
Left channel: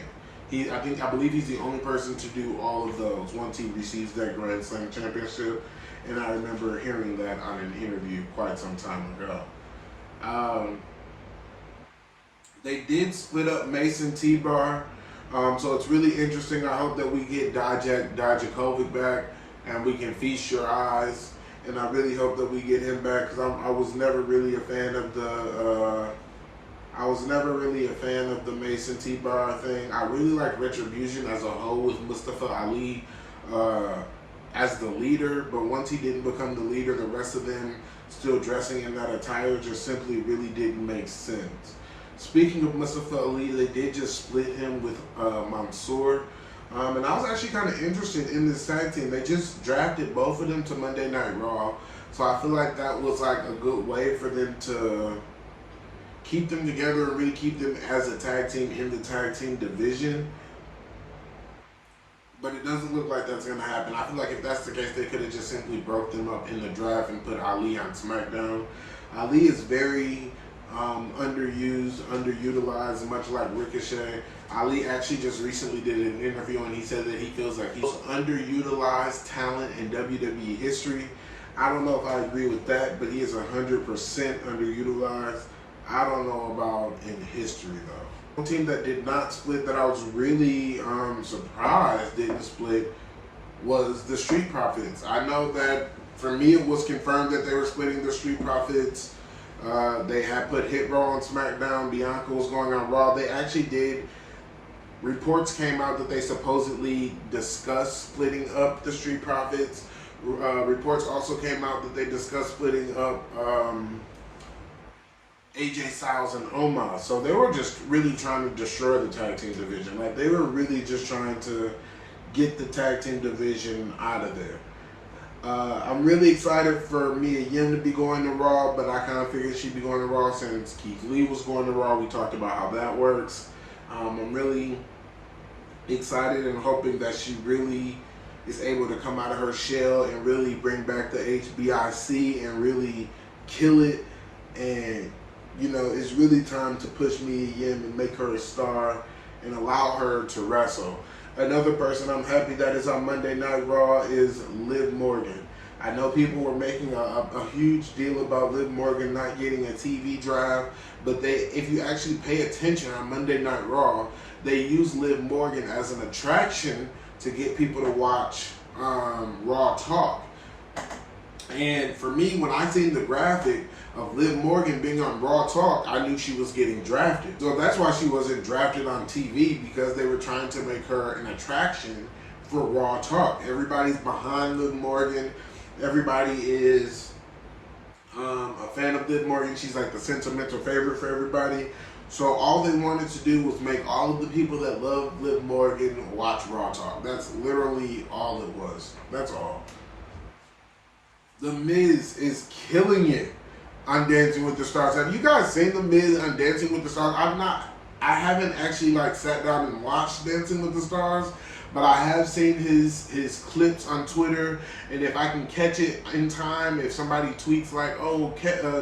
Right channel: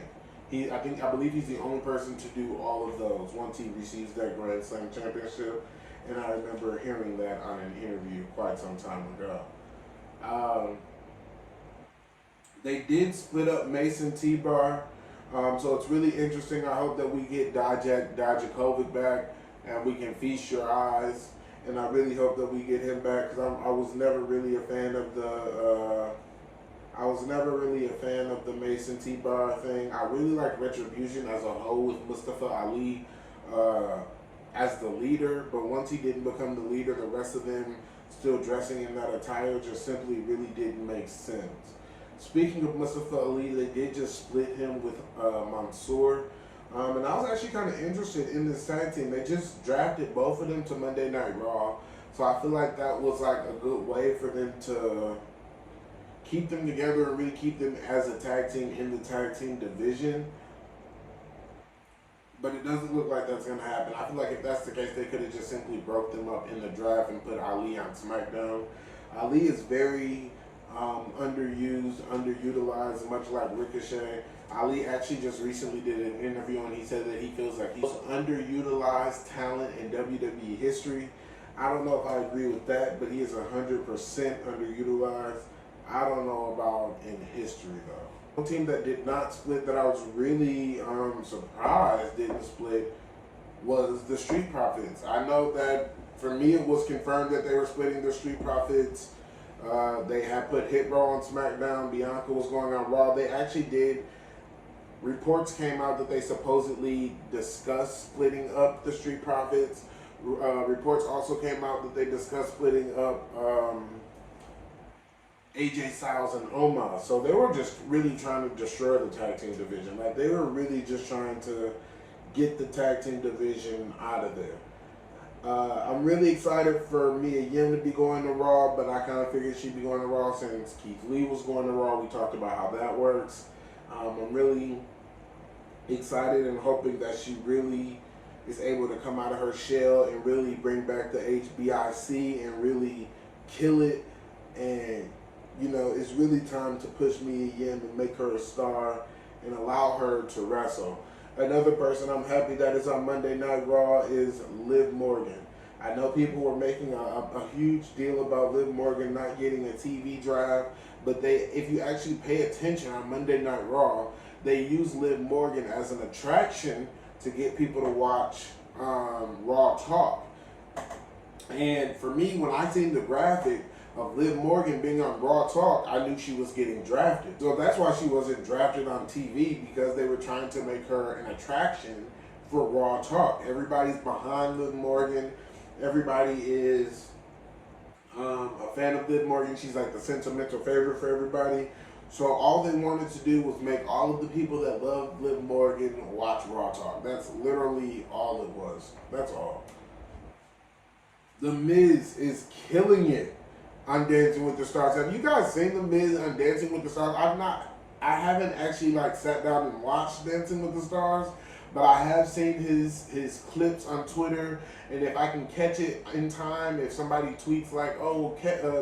I believe he's the only person to do all of those once he receives that Grand Slam championship. And I remember hearing that on an interview quite some time ago. They did split up Mason T-Bar, so it's really interesting. I hope that we get Dijakovic back and we can feast your eyes. And I really hope that we get him back, because I was never really a fan of the Mason T-Bar thing. I really like Retribution as a whole with Mustafa Ali as the leader, but once he didn't become the leader, the rest of them still dressing in that attire just simply really didn't make sense. Speaking of Mustafa Ali, they did just split him with Mansoor. And I was actually kind of interested in this tag team. They just drafted both of them to Monday Night Raw. So I feel like that was like a good way for them to keep them together and really keep them as a tag team in the tag team division. But it doesn't look like that's going to happen. I feel like if that's the case, they could have just simply broke them up in the draft and put Ali on SmackDown. Ali is very underused, underutilized, much like Ricochet. Ali actually just recently did an interview and he said that he feels like he's the most underutilized talent in WWE history. I don't know if I agree with that, but he is 100% underutilized. I don't know about in history though. One team that did not split that I was really surprised didn't split was the Street Profits. I know that for me it was confirmed that they were splitting the Street Profits. They had put Hit Row on SmackDown. Bianca was going on Raw. They actually did. Reports came out that they supposedly discussed splitting up the Street Profits. Reports also came out that they discussed splitting up AJ Styles and Omos. So they were just really trying to destroy the tag team division. Like they were really just trying to get the tag team division out of there. I'm really excited for Mia Yim to be going to Raw, but I kind of figured she'd be going to Raw since Keith Lee was going to Raw. We talked about how that works. I'm really excited and hoping that she really is able to come out of her shell and really bring back the HBIC and really kill it. And you know, it's really time to push Mia Yim and make her a star and allow her to wrestle. Another person I'm happy that is on Monday Night Raw is Liv Morgan. I know people were making a huge deal about Liv Morgan not getting a TV draft, but if you actually pay attention on Monday Night Raw, they use Liv Morgan as an attraction to get people to watch Raw Talk. And for me, when I seen the graphic of Liv Morgan being on Raw Talk, I knew she was getting drafted. So that's why she wasn't drafted on TV, because they were trying to make her an attraction for Raw Talk. Everybody's behind Liv Morgan. Everybody is a fan of Liv Morgan. She's like the sentimental favorite for everybody. So all they wanted to do was make all of the people that love Liv Morgan watch Raw Talk. That's literally all it was. That's all. The Miz is killing it on Dancing with the Stars. Have you guys seen The Miz on Dancing with the Stars? I haven't actually like sat down and watched Dancing with the Stars, but I have seen his clips on Twitter, and if I can catch it in time, if somebody tweets like, oh,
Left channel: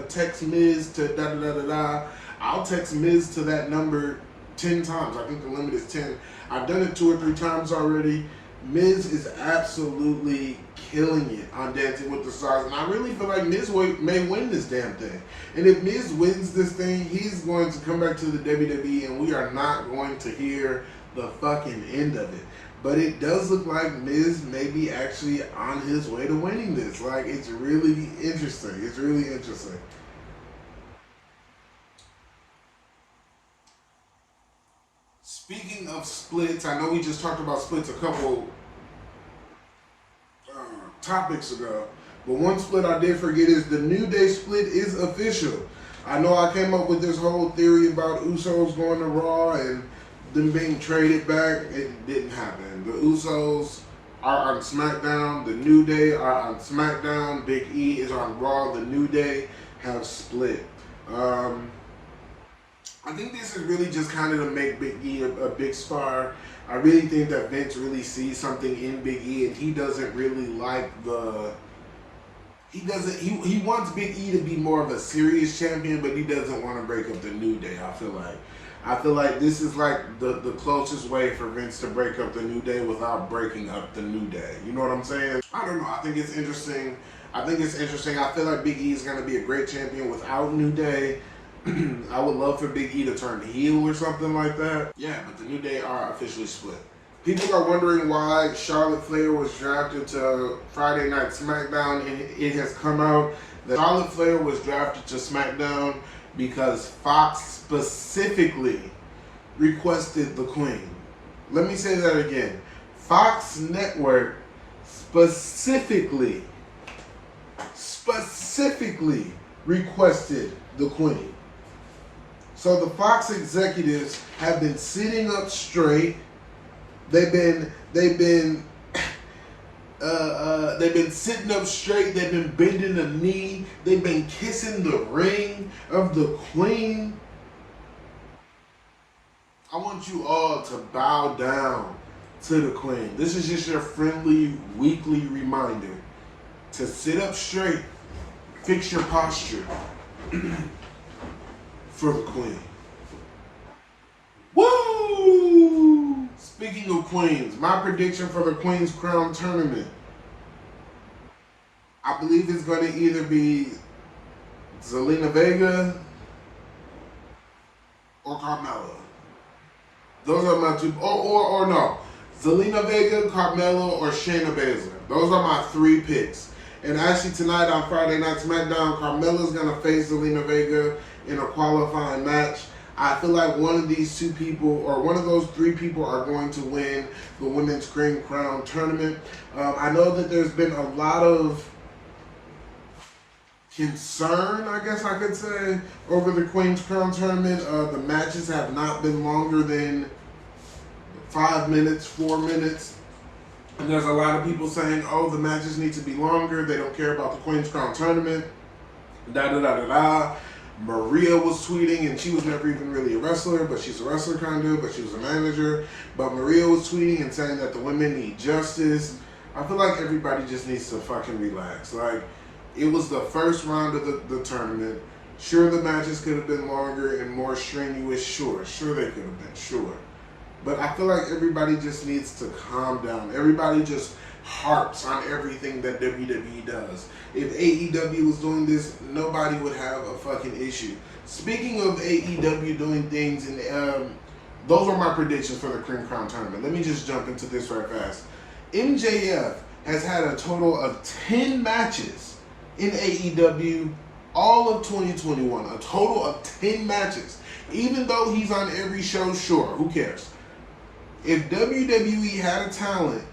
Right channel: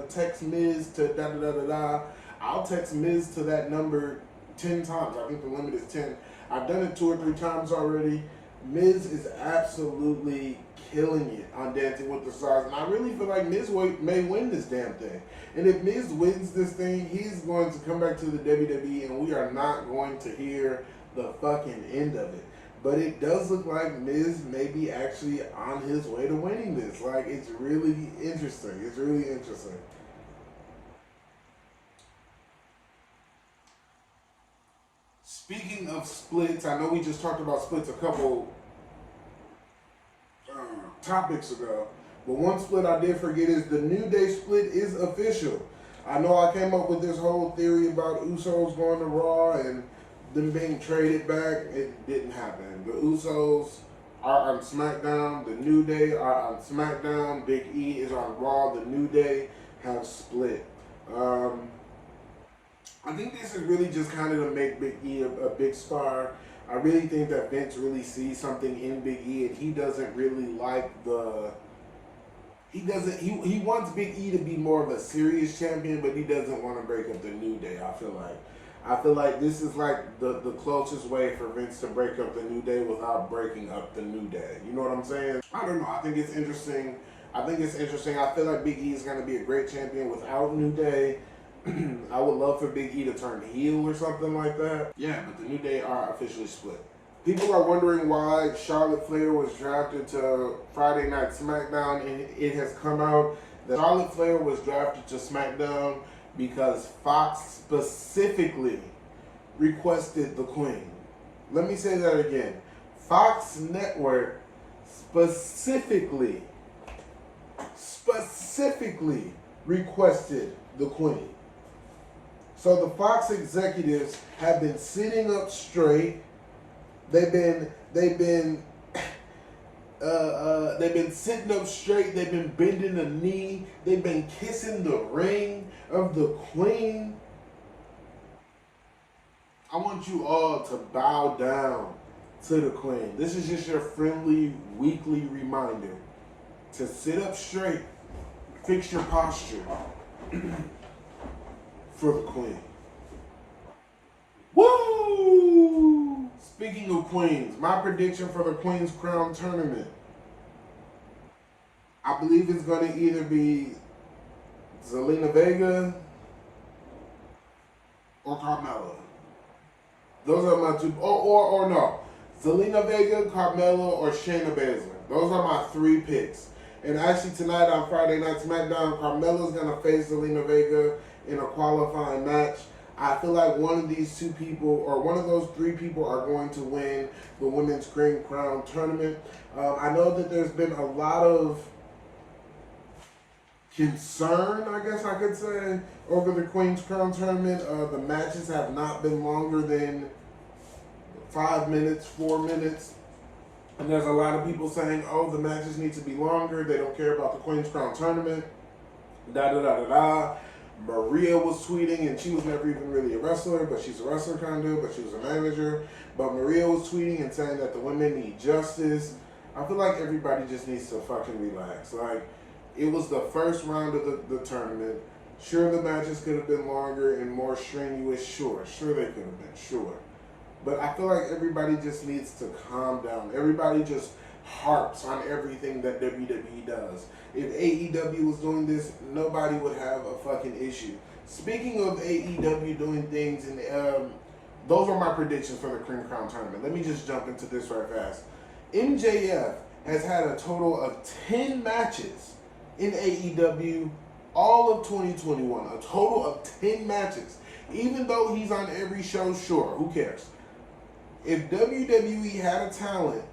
text Miz to da-da-da-da-da, I'll text Miz to that number 10 times. I think the limit is 10. I've done it 2 or 3 times already. Miz is absolutely killing it on Dancing with the Stars, and I really feel like Miz may win this damn thing. And if Miz wins this thing, he's going to come back to the WWE, and we are not going to hear the fucking end of it. But it does look like Miz may be actually on his way to winning this. Like, it's really interesting. It's really interesting. Speaking of splits, I know we just talked about splits a couple topics ago, but one split I did forget is the New Day split is official. I know I came up with this whole theory about Usos going to Raw and them being traded back. It didn't happen. The Usos are on SmackDown. The New Day are on SmackDown. Big E is on Raw. The New Day have split. I think this is really just kind of to make Big E a big star. I really think that Vince really sees something in Big E, and he doesn't really like he wants Big E to be more of a serious champion, but he doesn't want to break up the New Day, I feel like this is like the closest way for Vince to break up the New Day without breaking up the New Day. You know what I'm saying? I don't know. I think it's interesting. I feel like Big E is going to be a great champion without New Day. I would love for Big E to turn heel or something like that. Yeah, but the New Day are officially split. People are wondering why Charlotte Flair was drafted to Friday Night SmackDown, and it has come out that Charlotte Flair was drafted to SmackDown because Fox specifically requested the Queen. Let me say that again. Fox Network specifically requested the Queen. So the Fox executives have been sitting up straight. They've been sitting up straight. They've been bending the knee. They've been kissing the ring of the Queen. I want you all to bow down to the Queen. This is just your friendly weekly reminder to sit up straight, fix your posture for the Queen. Woo! Speaking of Queens, my prediction for the Queen's Crown Tournament, I believe it's going to either be Zelina Vega or Carmella. Those are my two, or no. Zelina Vega, Carmella, or Shayna Baszler. Those are my 3 picks. And actually tonight on Friday Night SmackDown, Carmella's going to face Zelina Vega in a qualifying match. I feel like one of these 2 people, or one of those 3 people, are going to win the Women's Cream Crown Tournament. I know that there's been a lot of concern, I guess I could say, over the Queen's Crown Tournament. The matches have not been longer than 5 minutes, 4 minutes. And there's a lot of people saying, oh, the matches need to be longer. They don't care about the Queen's Crown Tournament. Da-da-da-da-da. Maria was tweeting, and she was never even really a wrestler, but she's a wrestler kind of, but she was a manager. But Maria was tweeting and saying that the women need justice. I feel like everybody just needs to fucking relax. Like, it was the first round of the tournament. Sure, the matches could have been longer and more strenuous. Sure they could have been, sure. But I feel like everybody just needs to calm down. Everybody just harps on everything that WWE does. If AEW was doing this, nobody would have a fucking issue. Speaking of AEW doing things, and those are my predictions for the Cream Crown Tournament. Let me just jump into this right fast. MJF has had a total of 10 matches in AEW all of 2021. A total of 10 matches. Even though he's on every show, sure, who cares? If WWE had a talent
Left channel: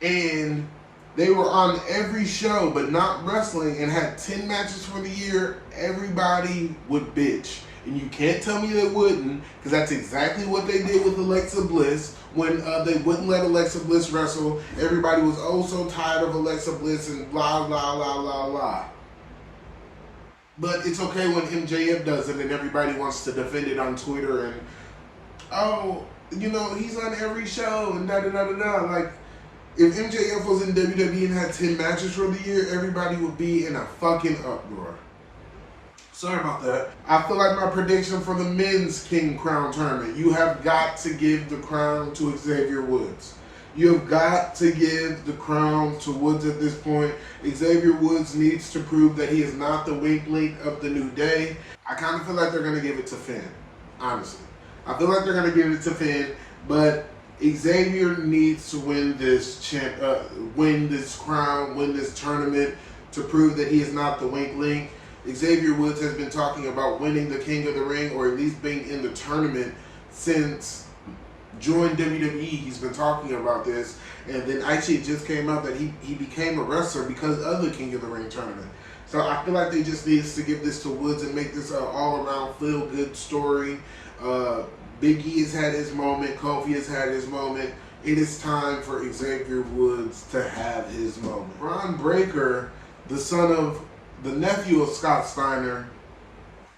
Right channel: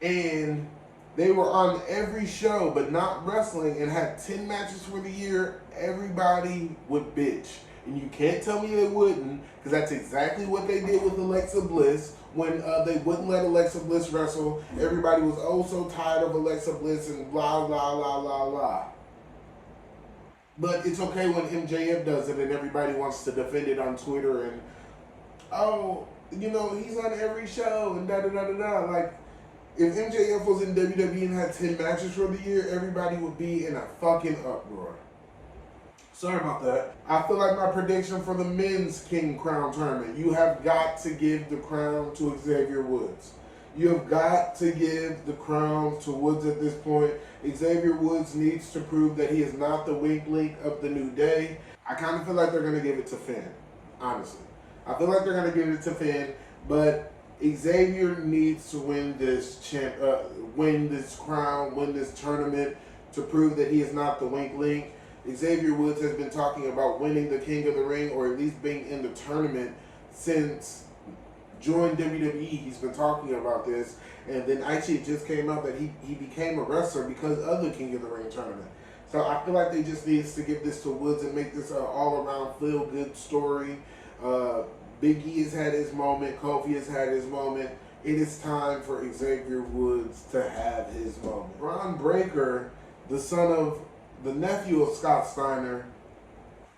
and they were on every show but not wrestling and had 10 matches for the year, everybody would bitch. And you can't tell me they wouldn't, because that's exactly what they did with Alexa Bliss when they wouldn't let Alexa Bliss wrestle. Everybody was oh so tired of Alexa Bliss and blah, blah, blah, blah, blah. But it's okay when MJF does it and everybody wants to defend it on Twitter and, oh, you know, he's on every show and da-da-da-da-da. Like, if MJF was in WWE and had 10 matches for the year, everybody would be in a fucking uproar. Sorry about that. I feel like my prediction for the men's King Crown Tournament, you have got to give the crown to Xavier Woods. You have got to give the crown to Woods at this point. Xavier Woods needs to prove that he is not the weak link of the New Day. I kind of feel like they're going to give it to Finn, honestly. I feel like they're going to give it to Finn, but Xavier needs to win this crown, win this tournament to prove that he is not the weak link. Xavier Woods has been talking about winning the King of the Ring, or at least being in the tournament since joined WWE. He's been talking about this, and then actually it just came out that he became a wrestler because of the King of the Ring tournament. So I feel like they just need to give this to Woods and make this an all-around feel-good story. Big E has had his moment. Kofi has had his moment. It is time for Xavier Woods to have his moment. Braun Breaker, the nephew of Scott Steiner,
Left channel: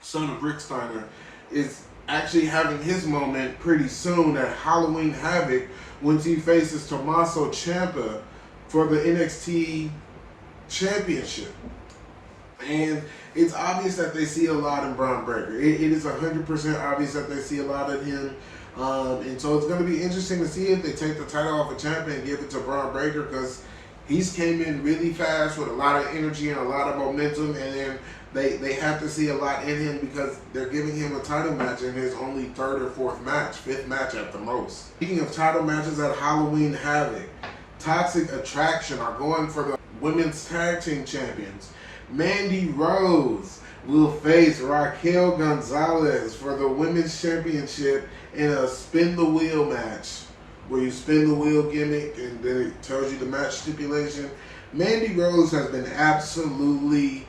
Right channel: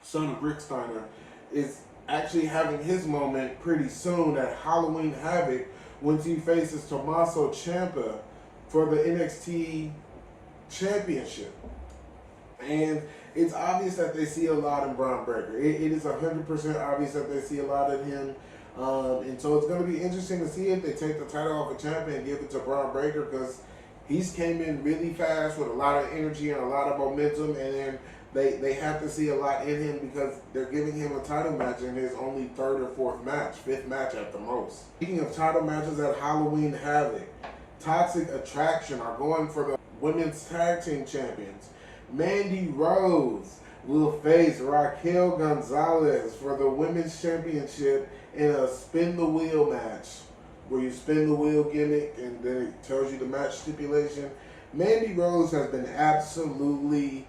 son of Rick Steiner, is actually having his moment pretty soon at Halloween Havoc once he faces Tommaso Ciampa for the NXT Championship. And it's obvious that they see a lot in Braun Breaker. It is 100% obvious that they see a lot in him. And so it's going to be interesting to see if they take the title off of Ciampa and give it to Braun Breaker, because he's came in really fast with a lot of energy and a lot of momentum, and then they have to see a lot in him because they're giving him a title match in his only 3rd or 4th match, 5th match at the most. Speaking of title matches at Halloween Havoc, Toxic Attraction are going for the Women's Tag Team Champions. Mandy Rose will face Raquel Gonzalez for the Women's Championship in a spin the wheel match, where you spin the wheel gimmick and then it tells you the match stipulation. Mandy Rose has been absolutely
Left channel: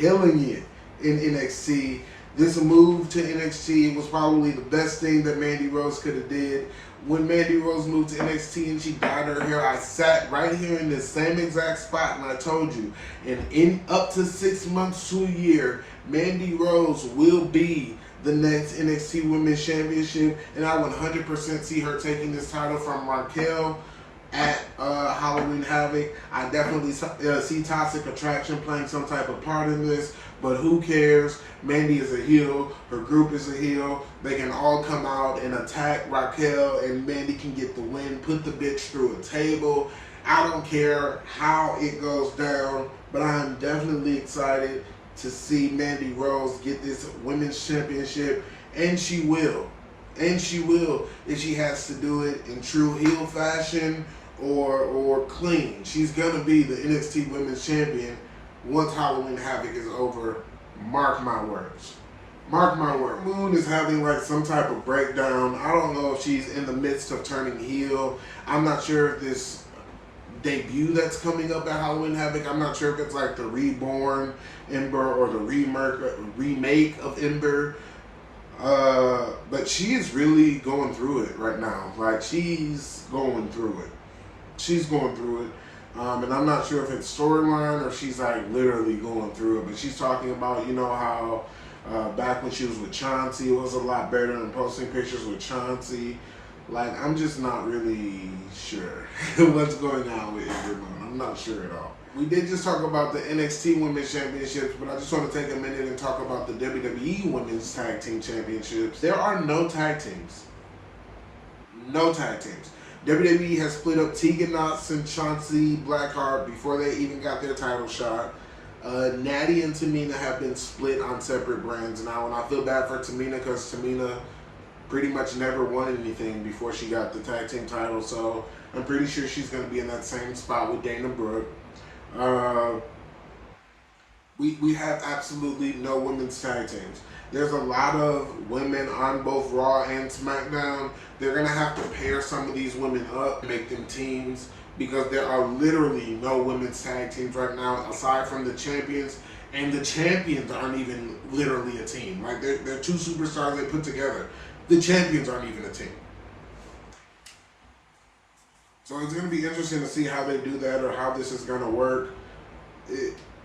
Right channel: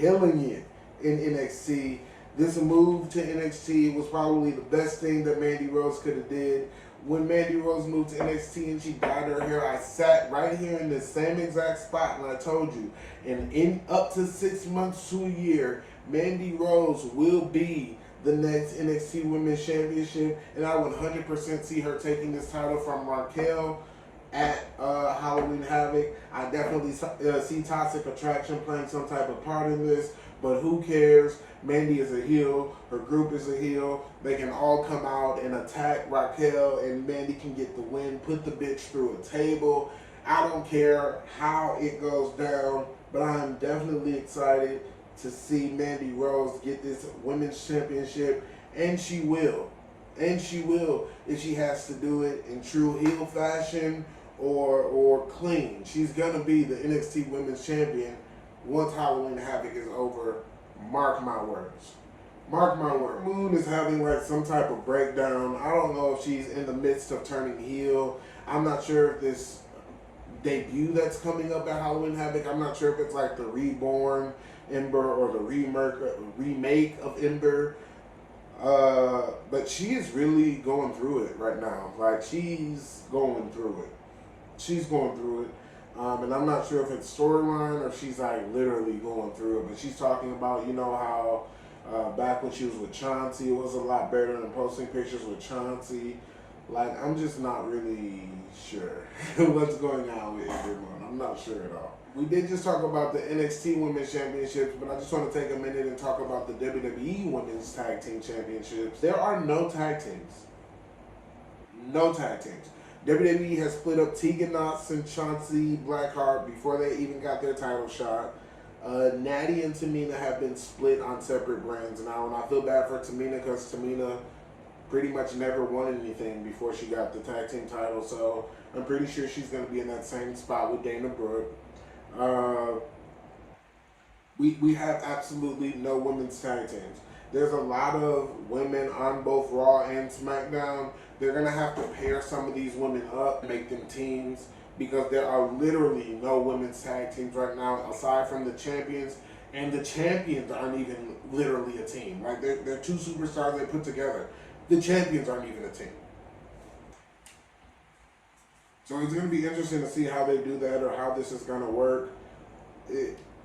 killing it in NXT. This move to NXT was probably the best thing that Mandy Rose could have did. When Mandy Rose moved to NXT and she dyed her hair, I sat right here in the same exact spot and I told you, and in up to 6 months to a year, Mandy Rose will be the next NXT Women's Championship, and I 100% see her taking this title from Raquel at Halloween Havoc. I definitely see Toxic Attraction playing some type of part in this, but who cares? Mandy is a heel, her group is a heel. They can all come out and attack Raquel, and Mandy can get the win, put the bitch through a table. I don't care how it goes down, but I'm definitely excited to see Mandy Rose get this women's championship, and she will. And she will if she has to do it in true heel fashion or clean. She's gonna be the NXT Women's Champion once Halloween Havoc is over. Mark my words. Mark my word. Moon is having like some type of breakdown. I don't know if she's in the midst of turning heel. I'm not sure if this debut that's coming up at Halloween Havoc, I'm not sure if it's like the reborn Ember or the remake of Ember. But she is really going through it right now. Like, she's going through it. She's going through it. And I'm not sure if it's storyline or she's like literally going through it. But she's talking about, you know, how back when she was with Chauncey, it was a lot better than posting pictures with Chauncey. Like, I'm just not really sure what's going on with Ember Moon. I'm not sure at all. We did just talk about the NXT Women's Championships, but I just want to take a minute and talk about the WWE Women's Tag Team Championships. There are no tag teams. No tag teams. WWE has split up Tegan Nox and Chauncey Blackheart before they even got their title shot. Natty and Tamina have been split on separate brands now, and I feel bad for Tamina because Tamina pretty much never won anything before she got the tag team title, so I'm pretty sure she's going to be in that same spot with Dana Brooke. We have absolutely no women's tag teams. There's a lot of women on both Raw and SmackDown. They're going to have to pair some of these women up, make them teams, because there are literally no women's tag teams right now aside from the champions, and the champions aren't even literally a team. Like, they're two superstars they put together. The champions aren't even a team. So it's going to be interesting to see how they do that or how this is going to work.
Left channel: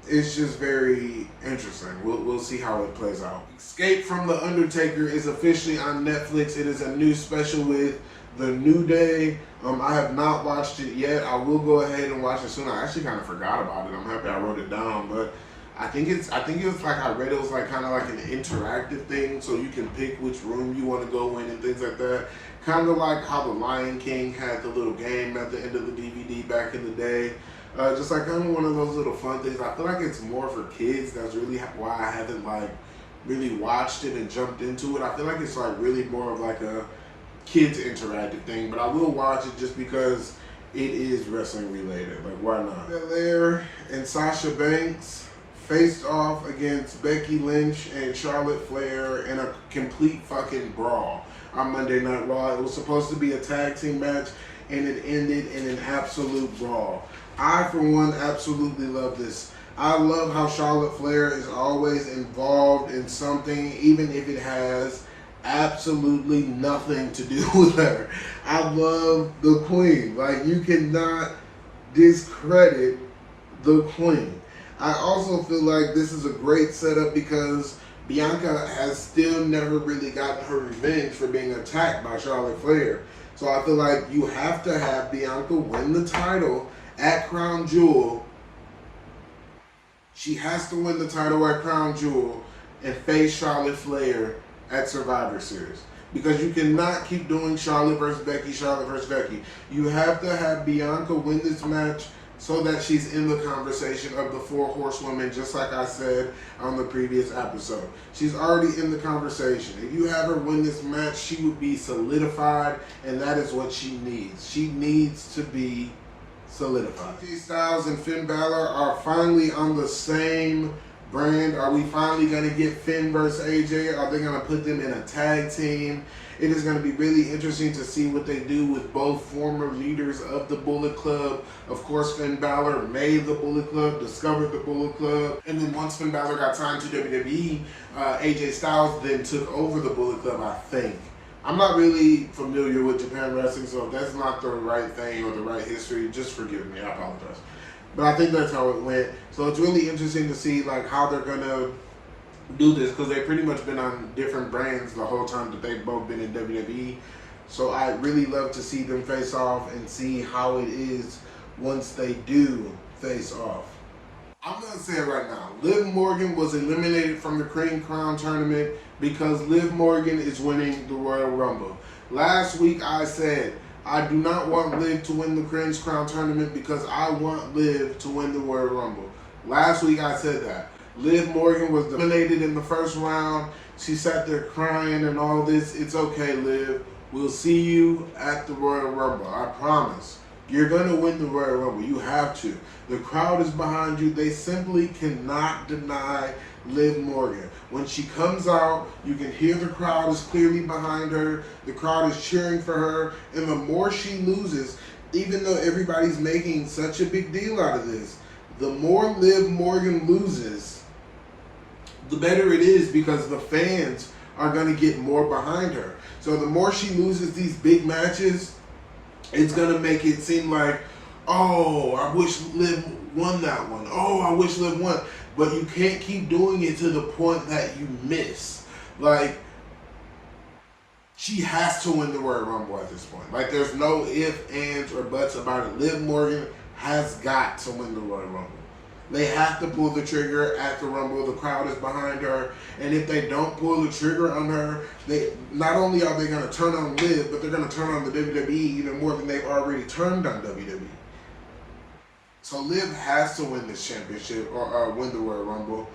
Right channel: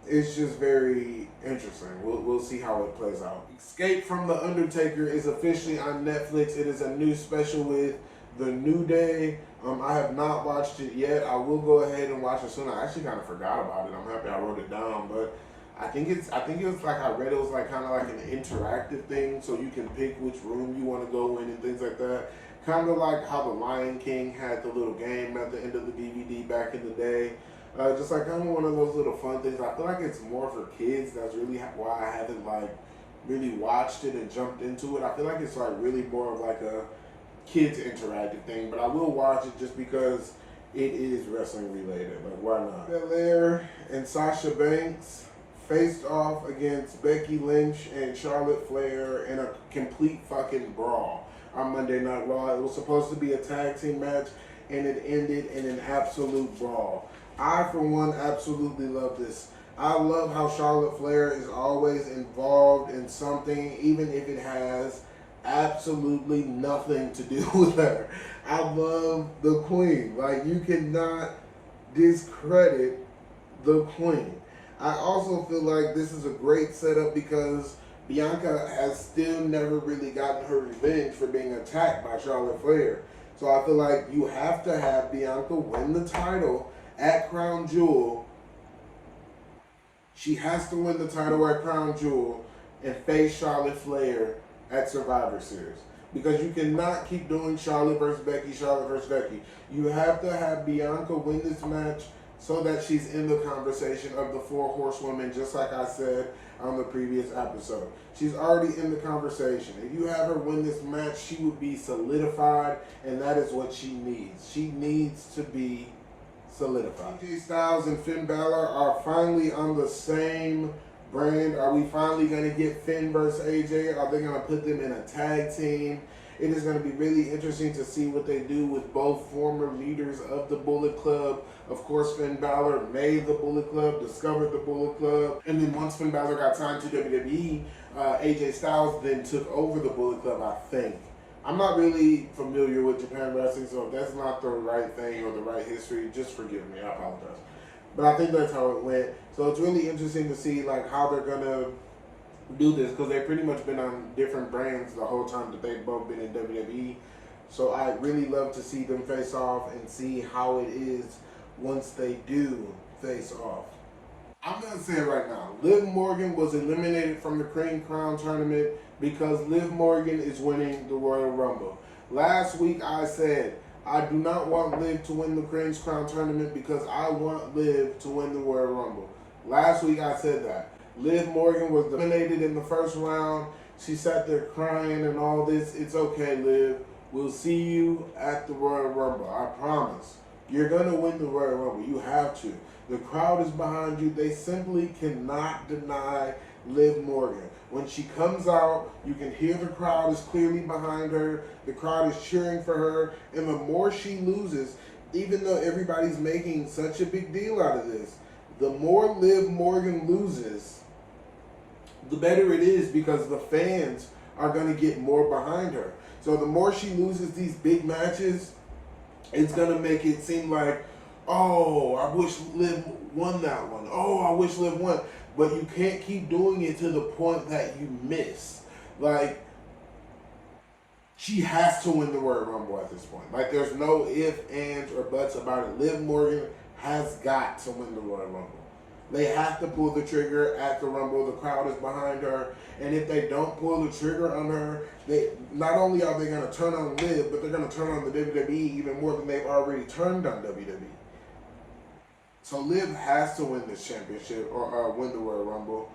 It's just very interesting. We'll see how it plays out. Escape from the Undertaker is officially on Netflix. It is a new special with The New Day. I have not watched it yet. I will go ahead and watch it soon. I actually kind of forgot about it. I'm happy I wrote it down, but I think it was like, I read it was like kind of like an interactive thing, so you can pick which room you want to go in and things like that. Kind of like how The Lion King had the little game at the end of the DVD back in the day. Just like kind of one of those little fun things. I feel like it's more for kids. That's really why I haven't like really watched it and jumped into it. I feel like it's like really more of like a kids interactive thing, but I will watch it just because it is wrestling related. Like, why not? Bel-Air and Sasha Banks faced off against Becky Lynch and Charlotte Flair in a complete fucking brawl on Monday Night Raw. It was supposed to be a tag team match, and it ended in an absolute brawl. I, for one, absolutely love this. I love how Charlotte Flair is always involved in something, even if it has absolutely nothing to do with her. I love the Queen. Like, you cannot discredit the Queen. I also feel like this is a great setup because Bianca has still never really gotten her revenge for being attacked by Charlotte Flair. So I feel like you have to have Bianca win the title at Crown Jewel. She has to win the title at Crown Jewel and face Charlotte Flair at Survivor Series. Because you cannot keep doing Charlotte versus Becky, Charlotte versus Becky. You have to have Bianca win this match so that she's in the conversation of the 4 horsewomen, just like I said on the previous episode. She's already in the conversation. If you have her win this match, she would be solidified, and that is what she needs. She needs to be solidified. AJ Styles and Finn Balor are finally on the same brand. Are we finally going to get Finn versus AJ? Are they going to put them in a tag team? It is going to be really interesting to see what they do with both former leaders of the Bullet Club. Of course, Finn Balor made the Bullet Club, discovered the Bullet Club, and then once Finn Balor got signed to WWE, AJ Styles then took over the Bullet Club, I think. I'm not really familiar with Japan wrestling, so if that's not the right thing or the right history, just forgive me, I apologize. But I think that's how it went. So it's really interesting to see like how they're gonna do this, because they've pretty much been on different brands the whole time that they've both been in WWE. So I really love to see them face off and see how it is once they do face off. I'm gonna say it right now. Liv Morgan was eliminated from the Cream Crown tournament because Liv Morgan is winning the Royal Rumble. Last week I said I do not want Liv to win the Cream Crown tournament because I want Liv to win the Royal Rumble. Last week I said that. Liv Morgan was eliminated in the first round. She sat there crying and all this. It's okay, Liv. We'll see you at the Royal Rumble. I promise. You're going to win the Royal Rumble. You have to. The crowd is behind you. They simply cannot deny Liv Morgan. When she comes out, you can hear the crowd is clearly behind her. The crowd is cheering for her. And the more she loses, even though everybody's making such a big deal out of this, the more Liv Morgan loses, the better it is because the fans are going to get more behind her. So the more she loses these big matches, it's going to make it seem like, oh, I wish Liv won that one. Oh, I wish Liv won. But you can't keep doing it to the point that you miss. Like, she has to win the Royal Rumble at this point. Like, there's no ifs, ands, or buts about it. Liv Morgan has got to win the Royal Rumble. They have to pull the trigger at the Rumble. The crowd is behind her. And if they don't pull the trigger on her, they not only are they going to turn on Liv, but they're going to turn on the WWE even more than they've already turned on WWE. So Liv has to win this championship or win the Royal Rumble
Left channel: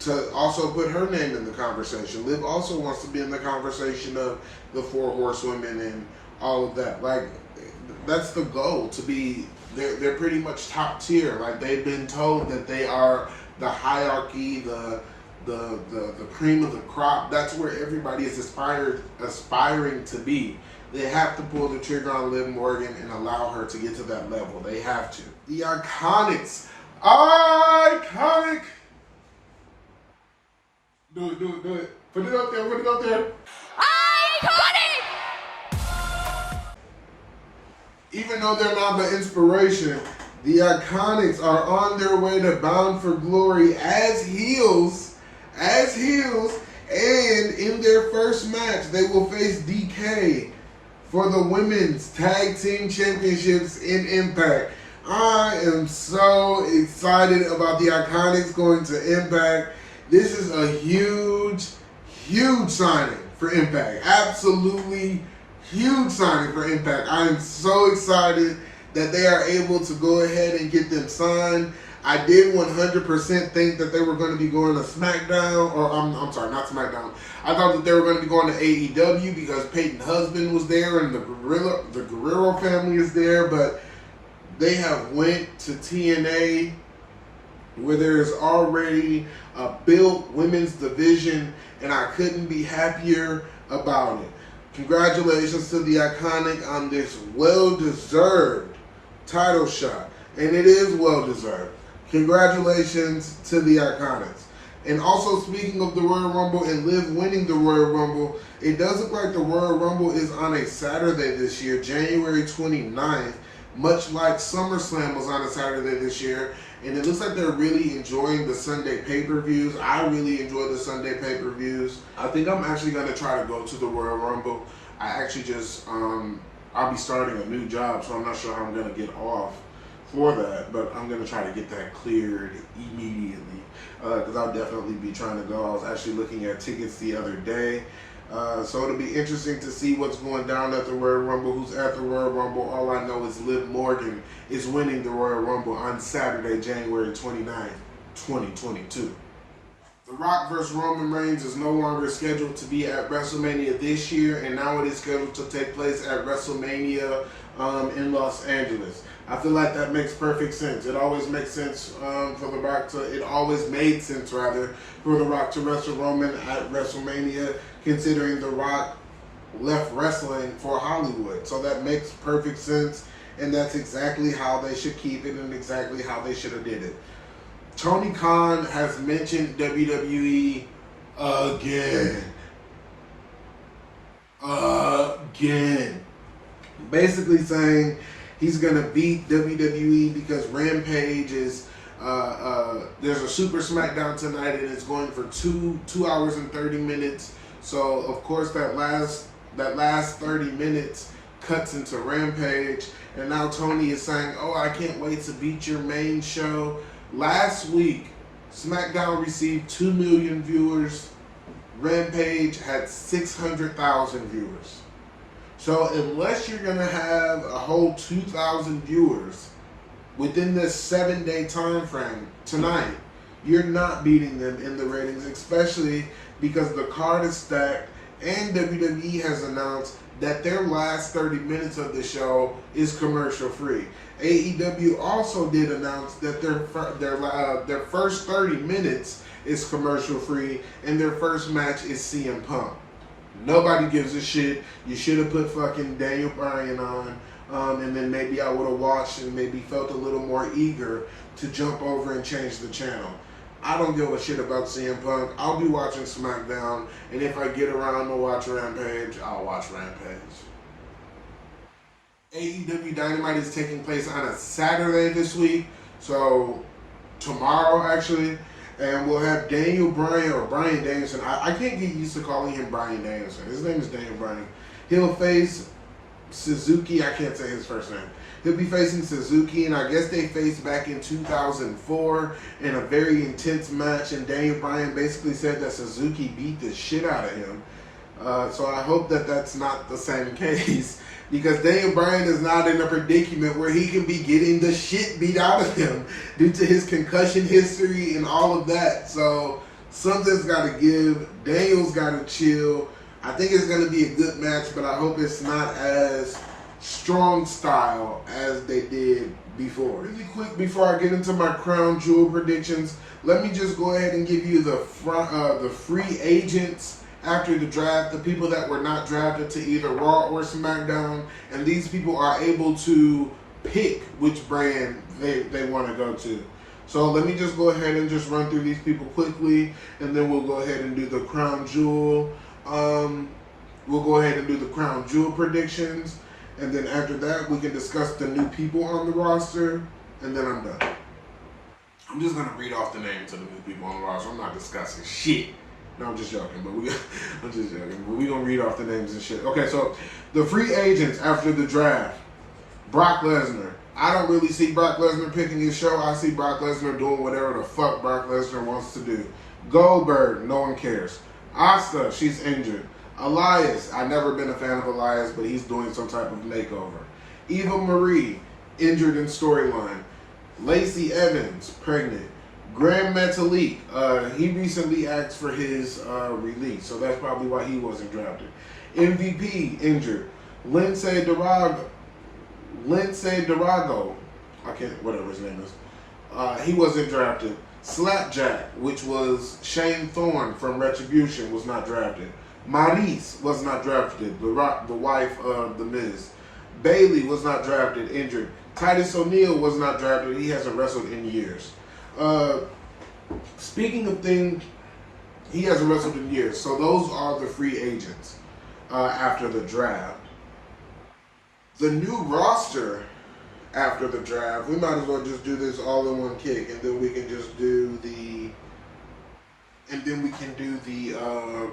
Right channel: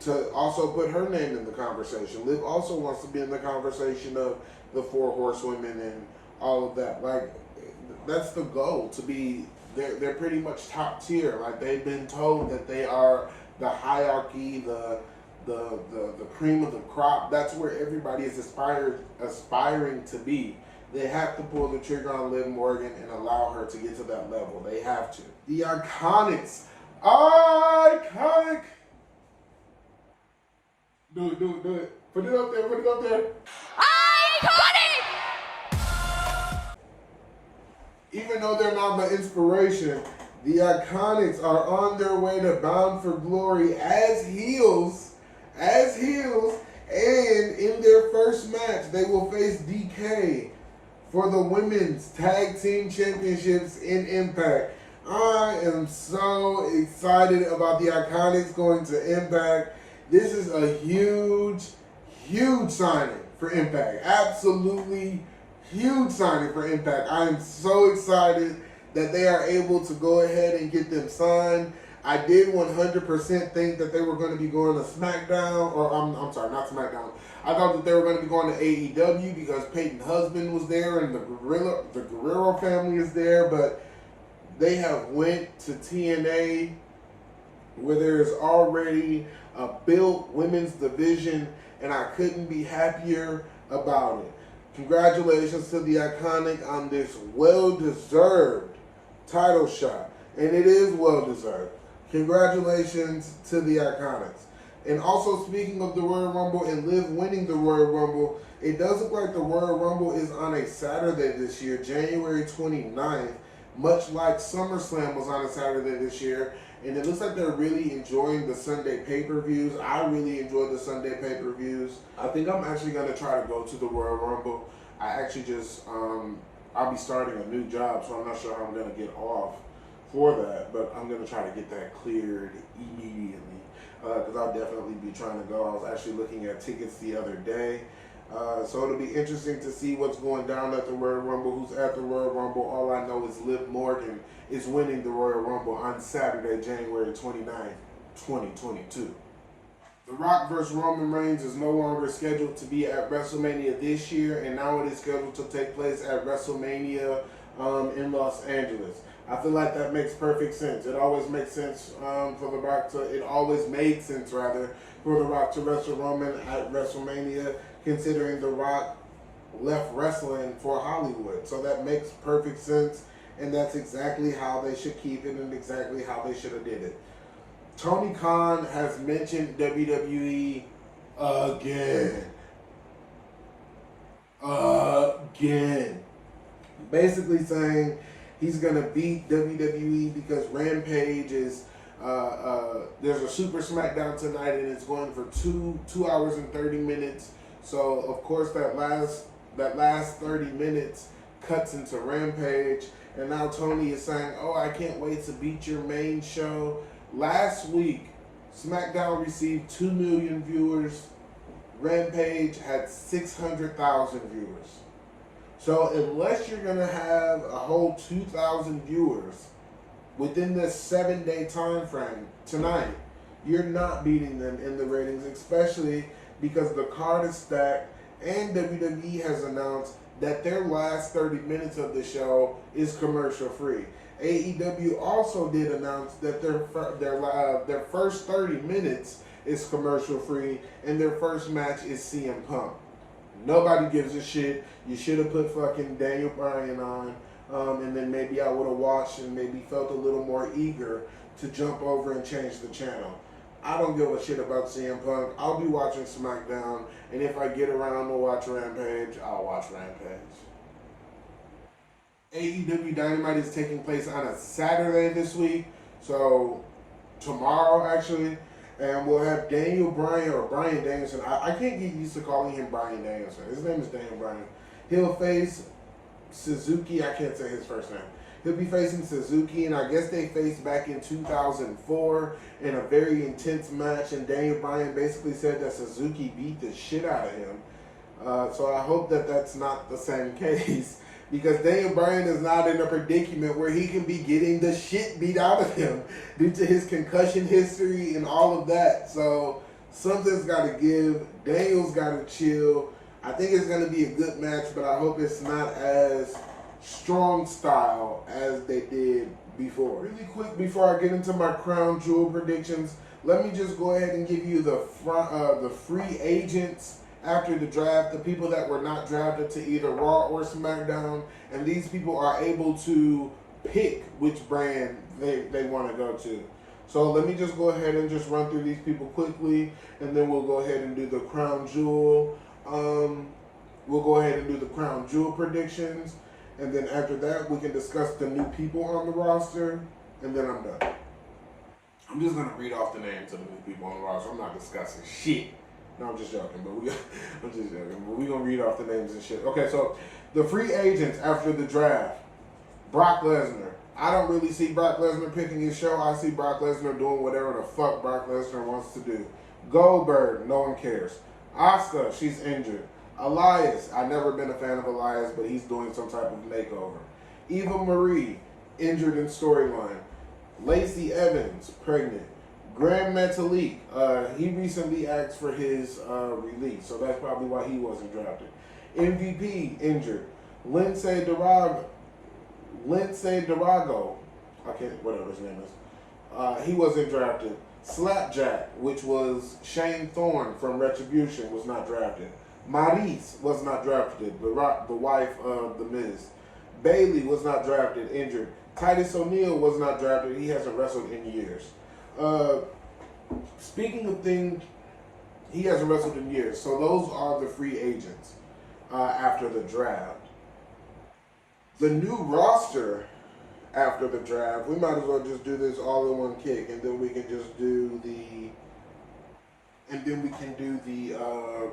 to also put her name in the conversation. Liv also wants to be in the conversation of the 4 horsewomen and all of that. Like, that's the goal, to be, they're pretty much top tier. Like, they've been told that they are the hierarchy, the cream of the crop. That's where everybody is aspiring to be. They have to pull the trigger on Liv Morgan and allow her to get to that level. They have to. The Iconics. Iconic. Do it. Put it up there. Iconic! Even though they're not the inspiration, the Iconics are on their way to Bound for Glory as heels, and in their first match, they will face DK for the Women's Tag Team Championships in Impact. I am so excited about the Iconics going to Impact. This is a huge signing for Impact. Absolutely huge signing for Impact. I am so excited that they are able to go ahead and get them signed. I did 100% think that they were going to be going to Smackdown, or I'm sorry, not Smackdown. I thought that they were going to be going to AEW because Peyton's husband was there and the Guerrero family is there, but they have went to TNA where there is already a built women's division, and I couldn't be happier about it. Congratulations to the Iconic on this well-deserved title shot, and it is well-deserved. Congratulations to the Iconics. And also, speaking of the Royal Rumble and Liv winning the Royal Rumble, it does look like the Royal Rumble is on a Saturday this year, January 29th, much like SummerSlam was on a Saturday this year. And it looks like they're really enjoying the Sunday pay-per-views. I really enjoy the Sunday pay-per-views. I think I'm actually going to try to go to the Royal Rumble. I actually just, I'll be starting a new job, so I'm not sure how I'm going to get off for that. But I'm going to try to get that cleared immediately because I'll definitely be trying to go. I was actually looking at tickets the other day. So it'll be interesting to see what's going down at the Royal Rumble, who's at the Royal Rumble. All I know is Liv Morgan is winning the Royal Rumble on Saturday, January 29th, 2022. The Rock vs. Roman Reigns is no longer scheduled to be at WrestleMania this year, and now it is scheduled to take place at WrestleMania in Los Angeles. I feel like that makes perfect sense. It always makes sense for The Rock to, it always made sense rather, for The Rock to wrestle Roman at WrestleMania, considering The Rock left wrestling for Hollywood. So that makes perfect sense, and that's exactly how they should keep it and exactly how they should have did it. Tony Khan has mentioned WWE again. Basically saying he's going to beat WWE because Rampage is, there's a Super Smackdown tonight and it's going for 2 hours and 30 minutes. So, of course, that last 30 minutes cuts into Rampage. And now Tony is saying, oh, I can't wait to beat your main show. Last week, SmackDown received 2 million viewers. Rampage had 600,000 viewers. So unless you're going to have a whole 2,000 viewers within this 7-day time frame tonight, you're not beating them in the ratings, especially because the card is stacked and WWE has announced that their last 30 minutes of the show is commercial free. AEW also did announce that their first 30 minutes is commercial free and their first match is CM Punk. Nobody gives a shit. You should have put fucking Daniel Bryan on, and then maybe I would have watched and maybe felt a little more eager to jump over and change the channel. I don't give a shit about CM Punk. I'll be watching SmackDown, and if I get around to watch Rampage, I'll watch Rampage. AEW Dynamite is taking place on a Saturday this week, so tomorrow actually, and we'll have Daniel Bryan or Bryan Danielson. I can't get used to calling him Bryan Danielson. His name is Daniel Bryan. He'll face Suzuki. I can't say his first name. He'll be facing Suzuki, and I guess they faced back in 2004 in a very intense match, and Daniel Bryan basically said that Suzuki beat the shit out of him. So I hope that that's not the same case, because Daniel Bryan is not in a predicament where he can be getting the shit beat out of him due to his concussion history and all of that. So something's got to give. Daniel's got to chill. I think it's going to be a good match, but I hope it's not as strong style as they did before. Really quick before I get into my crown jewel predictions, let me just go ahead and give you the free agents after the draft, the people that were not drafted to either Raw or SmackDown, and these people are able to pick which brand they want to go to. So let me just go ahead and just run through these people quickly, and then we'll go ahead and do the crown jewel. We'll go ahead and do the crown jewel predictions, and then after that we can discuss the new people on the roster, and then I'm done. I'm just gonna read off the names of the new people on the roster. I'm not discussing shit. No, I'm just joking, but I'm just joking. But we're gonna read off the names and shit. Okay, so the free agents after the draft: Brock Lesnar. I don't really see Brock Lesnar picking his show. I see Brock Lesnar doing whatever the fuck Brock Lesnar wants to do. Goldberg, no one cares. Asuka, she's injured. Elias, I've never been a fan of Elias, but he's doing some type of makeover. Eva Marie, injured in storyline. Lacey Evans, pregnant. Grand Metalik, he recently asked for his release, so that's probably why he wasn't drafted. MVP, injured. Lindsay Dorado, I can't, whatever his name is. He wasn't drafted. Slapjack, which was Shane Thorne from Retribution, was not drafted. Maryse was not drafted, the wife of The Miz. Bayley was not drafted, injured. Titus O'Neil was not drafted. He hasn't wrestled in years. Speaking of things, he hasn't wrestled in years. So those are the free agents after the draft. The new roster after the draft, we might as well just do this all in one kick, and then we can just do the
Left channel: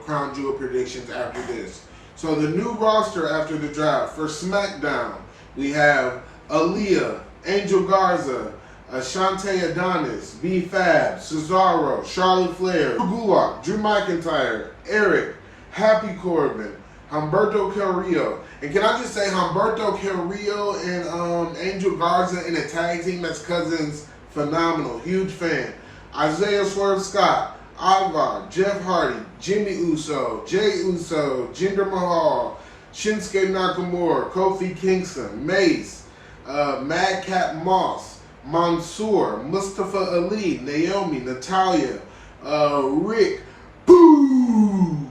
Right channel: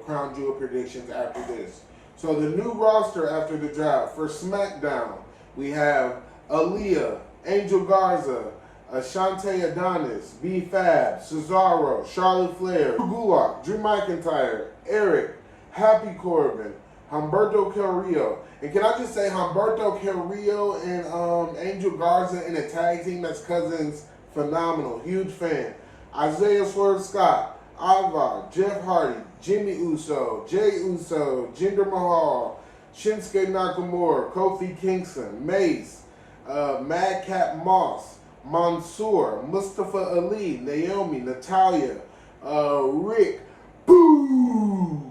crown jewel predictions after this. So the new roster after the draft for SmackDown, we have Aaliyah, Angel Garza, Ashante Adonis, B-Fab, Cesaro, Charlotte Flair, Drew Gulak, Drew McIntyre, Eric, Happy Corbin, Humberto Carrillo. And can I just say, Humberto Carrillo and Angel Garza in a tag team that's cousins, phenomenal, huge fan. Isaiah Swerve Scott, Ivar, Jeff Hardy, Jimmy Uso, Jey Uso, Jinder Mahal, Shinsuke Nakamura, Kofi Kingston, Mace, Madcap Moss, Mansoor, Mustafa Ali, Naomi, Natalya, Rick Boog,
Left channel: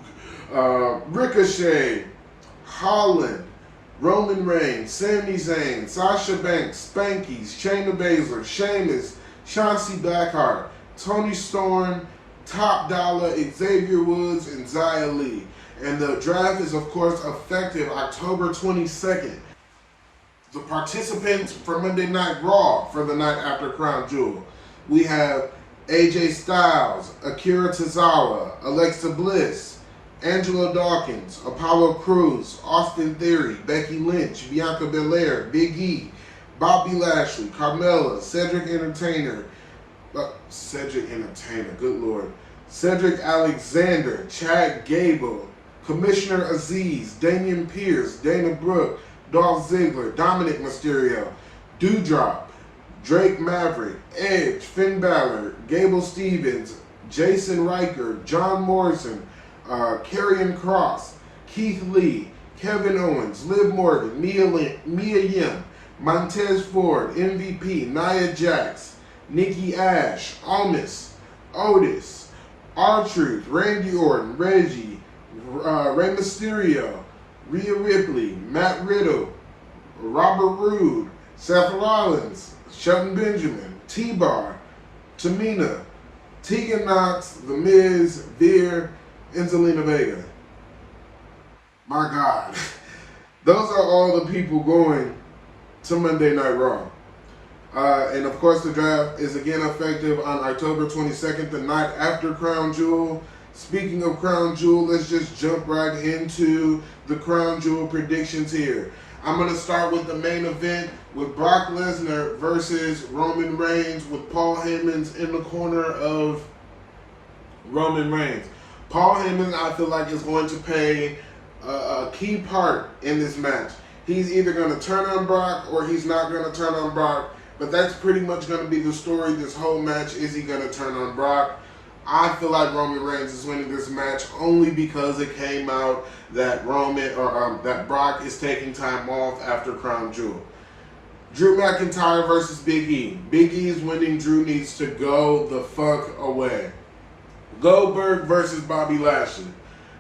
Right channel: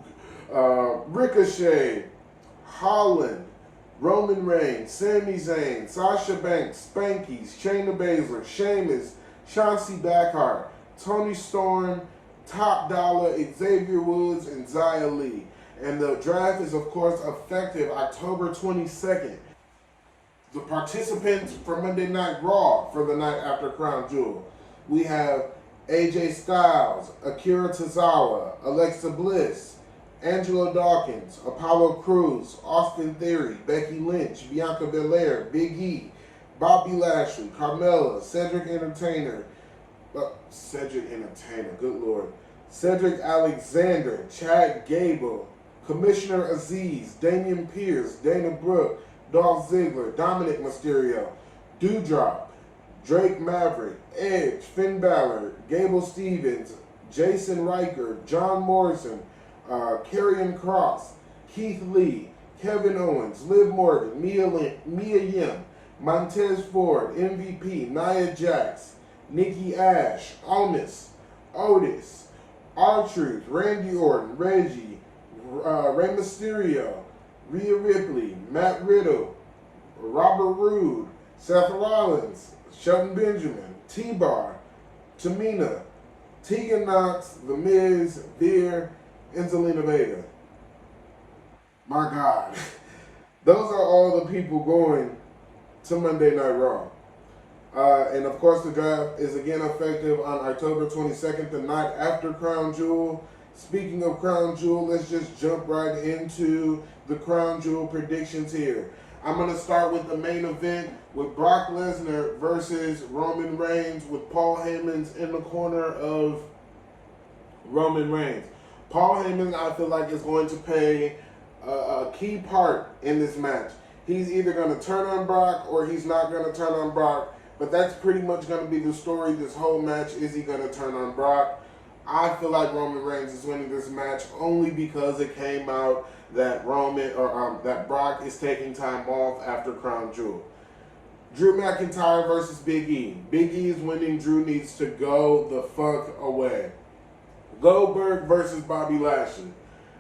Ricochet, Holland, Roman Reigns, Sami Zayn, Sasha Banks, Spankies, Shayna Baszler, Sheamus, Chauncey Blackheart, Tony Storm, Top Dollar, Xavier Woods, and Xia Li. And the draft is, of course, effective October 22nd. The participants for Monday Night Raw for the night after Crown Jewel. We have AJ Styles, Akira Tozawa, Alexa Bliss, Angelo Dawkins, Apollo Crews, Austin Theory, Becky Lynch, Bianca Belair, Big E, Bobby Lashley, Carmella, Cedric Entertainer, good lord, Cedric Alexander, Chad Gable, Commissioner Aziz, Damian Pierce, Dana Brooke, Dolph Ziggler, Dominic Mysterio, Doudrop, Drake Maverick, Edge, Finn Balor, Gable Stevens, Jason Riker, John Morrison, Karrion Kross, Keith Lee, Kevin Owens, Liv Morgan, Mia Yim, Montez Ford, MVP, Nia Jax, Nikki Ash, Otis, R-Truth, Randy Orton, Reggie, Rey Mysterio, Rhea Ripley, Matt Riddle, Robert Roode, Seth Rollins, Shelton Benjamin, T-Bar, Tamina, Tegan Knox, The Miz, Veer, and Zelina Vega. My God. Those are all the people going to Monday Night Raw. And of course the draft is again effective on October 22nd, the night after Crown Jewel. Speaking of Crown Jewel, let's just jump right into the Crown Jewel predictions here. I'm going to start with the main event with Brock Lesnar versus Roman Reigns, with Paul Heyman in the corner of Roman Reigns. Paul Heyman, I feel like, is going to play a key part in this match. He's either going to turn on Brock or he's not going to turn on Brock, but that's pretty much going to be the story this whole match. Is he going to turn on Brock? I feel like Roman Reigns is winning this match only because it came out that that Brock is taking time off after Crown Jewel. Drew McIntyre versus Big E. Big E is winning. Drew needs to go the fuck away. Goldberg versus Bobby Lasher.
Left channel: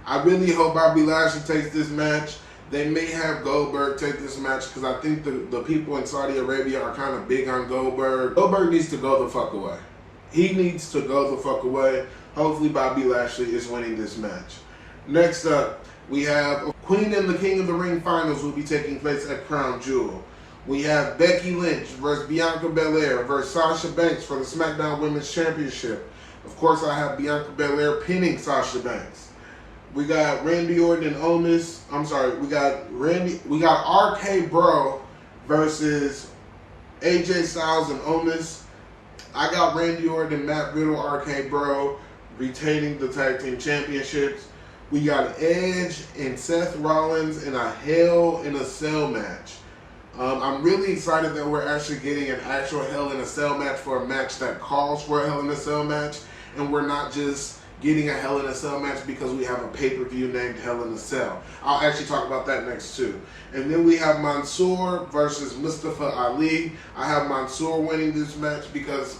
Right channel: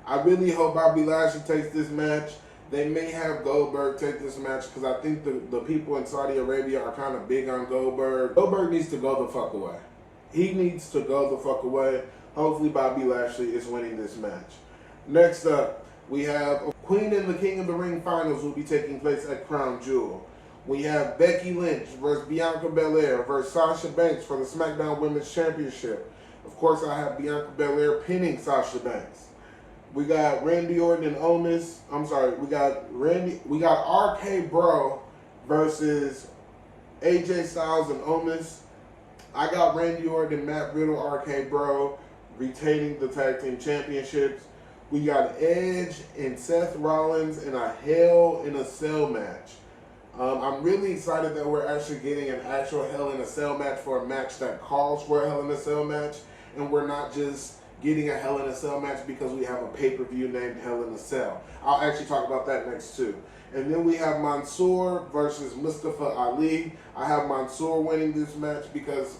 I really hope Bobby Lasher takes this match. They may have Goldberg take this match because I think the people in Saudi Arabia are kind of big on Goldberg. Goldberg needs to go the fuck away. He needs to go the fuck away. Hopefully Bobby Lashley is winning this match. Next up, we have Queen and the King of the Ring finals will be taking place at Crown Jewel. We have Becky Lynch versus Bianca Bel-Air versus Sasha Banks for the Smackdown Women's Championship. Of course, I have Bianca Belair pinning Sasha Banks. We got Randy Orton and Owens. We got RK Bro versus AJ Styles and Owens. I got Randy Orton and Matt Riddle, RK Bro, retaining the tag team championships. We got Edge and Seth Rollins in a Hell in a Cell match. I'm really excited that we're actually getting an actual Hell in a Cell match for a match that calls for a Hell in a Cell match, and we're not just getting a Hell in a Cell match because we have a pay-per-view named Hell in a Cell. I'll actually talk about that next too. And then we have Mansoor versus Mustafa Ali. I have Mansoor winning this match because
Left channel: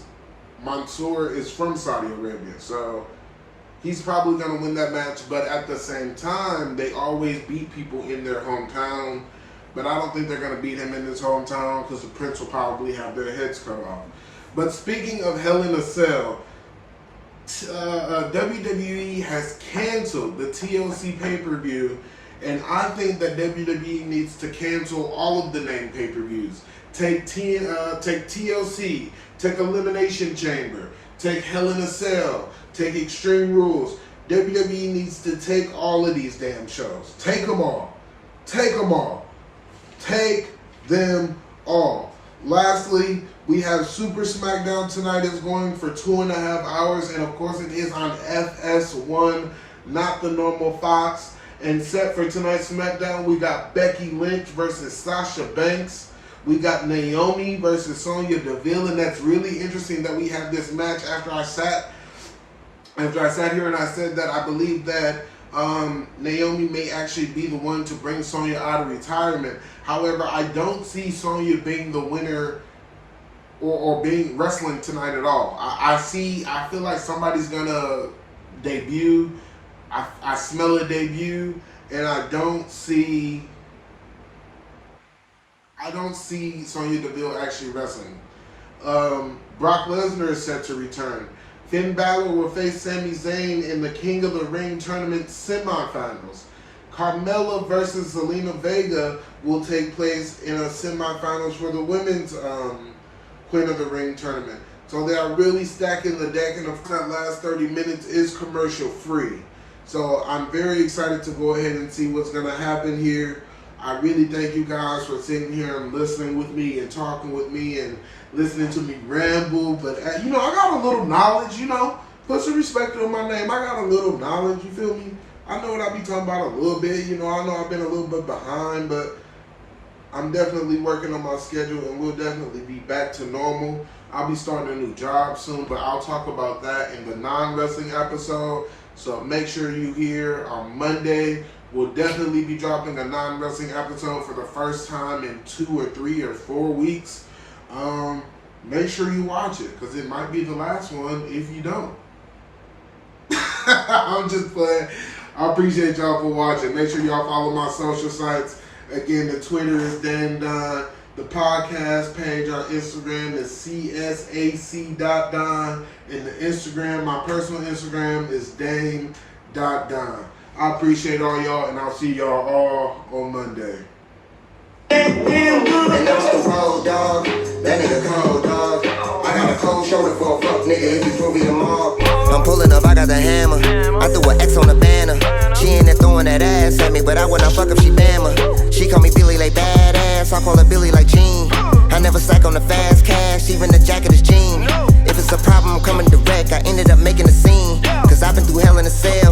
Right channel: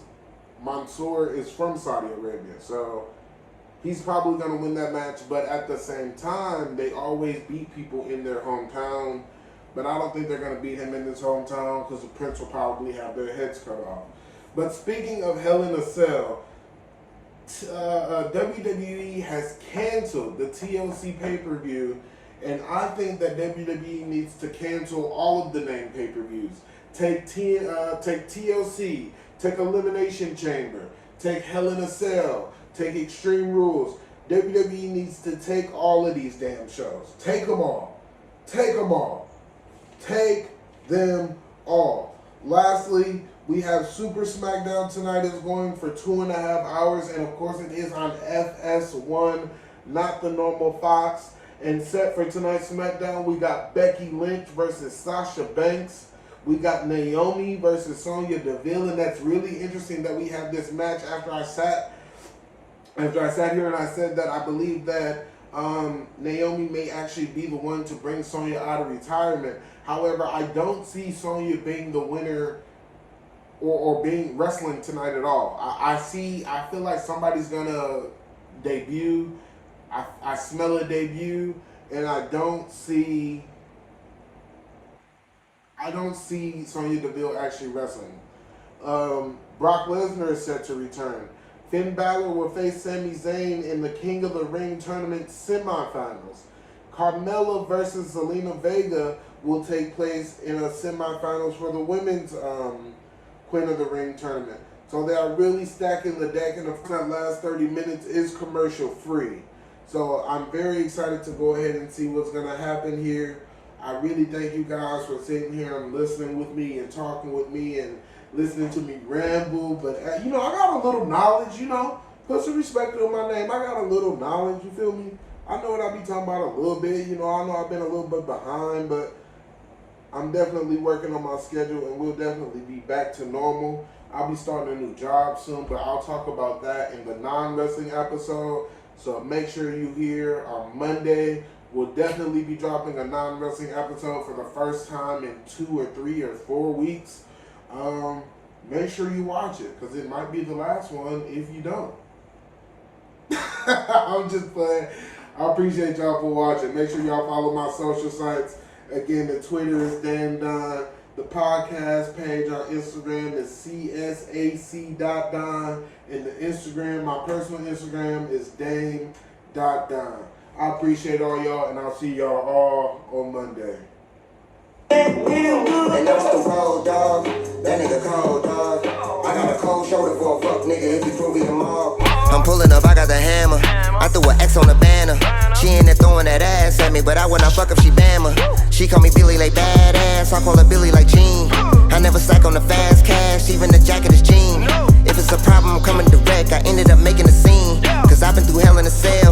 Mansoor is from Saudi Arabia, so he's probably going to win that match. But at the same time, they always beat people in their hometown. But I don't think they're going to beat him in his hometown because the Prince will probably have their heads cut off. But speaking of Hell in a Cell, WWE has canceled the TLC pay-per-view, and I think that WWE needs to cancel all of the named pay-per-views. Take TLC, take Elimination Chamber, take Hell in a Cell, take Extreme Rules. WWE needs to take all of these damn shows. Take them all. Take them all. Take them all. Lastly, we have Super Smackdown tonight. Is going for 2.5 hours, and of course it is on FS1, not the normal Fox. And set for tonight's Smackdown, we got Becky Lynch versus Sasha Banks. We got Naomi versus Sonia Deville, and that's really interesting that we have this match after I sat here and I said that I believe that Naomi may actually be the one to bring Sonya out of retirement. However, I don't see Sonya being the winner or being wrestling tonight at all. I feel like somebody's gonna debut. I smell a debut, and I don't see Sonya Deville actually wrestling. Brock Lesnar is set to return. Finn Balor will face Sami Zayn in the King of the Ring tournament semifinals. Carmella versus Zelina Vega will take place in a semifinals for the women's Queen of the Ring tournament. So they are really stacking the deck, and of course that last 30 minutes is commercial free. So I'm very excited to go ahead and see what's going to happen here. I really thank you guys for sitting here and listening with me and talking with me and listening to me ramble. But, I got a little knowledge, Put some respect on my name. I got a little knowledge, you feel me? I know what I be talking about a little bit. I know I've been a little bit behind, but I'm definitely working on my schedule, and we'll definitely be back to normal. I'll be starting a new job soon, but I'll talk about that in the non-wrestling episode. So make sure you hear on Monday. We'll definitely be dropping a non-wrestling episode for the first time in 2 or 3 or 4 weeks. Make sure you watch it, because it might be the last one if you don't. I'm just playing. I appreciate y'all for watching. Make sure y'all follow my social sites. Again, the Twitter is Dan Dunn. The podcast page on Instagram is C.S.A.C.Don. And the Instagram, my personal Instagram, is Dame.Don. I appreciate all y'all, and I'll see y'all all on Monday. And that's the road, dog. That nigga cold, dog. I got a cold shoulder for a fuck nigga if you prove me the mob. I'm pulling up, I got the hammer. I threw an X on the banner. She ain't there throwing that ass at me, but I would not fuck if she Bama. She call me Billy like badass, I call her Billy like Jean. I never stack on the fast cash, even the jacket is jean. If it's a problem, I'm coming direct. I ended up making a scene, cause I've been through hell in a cell.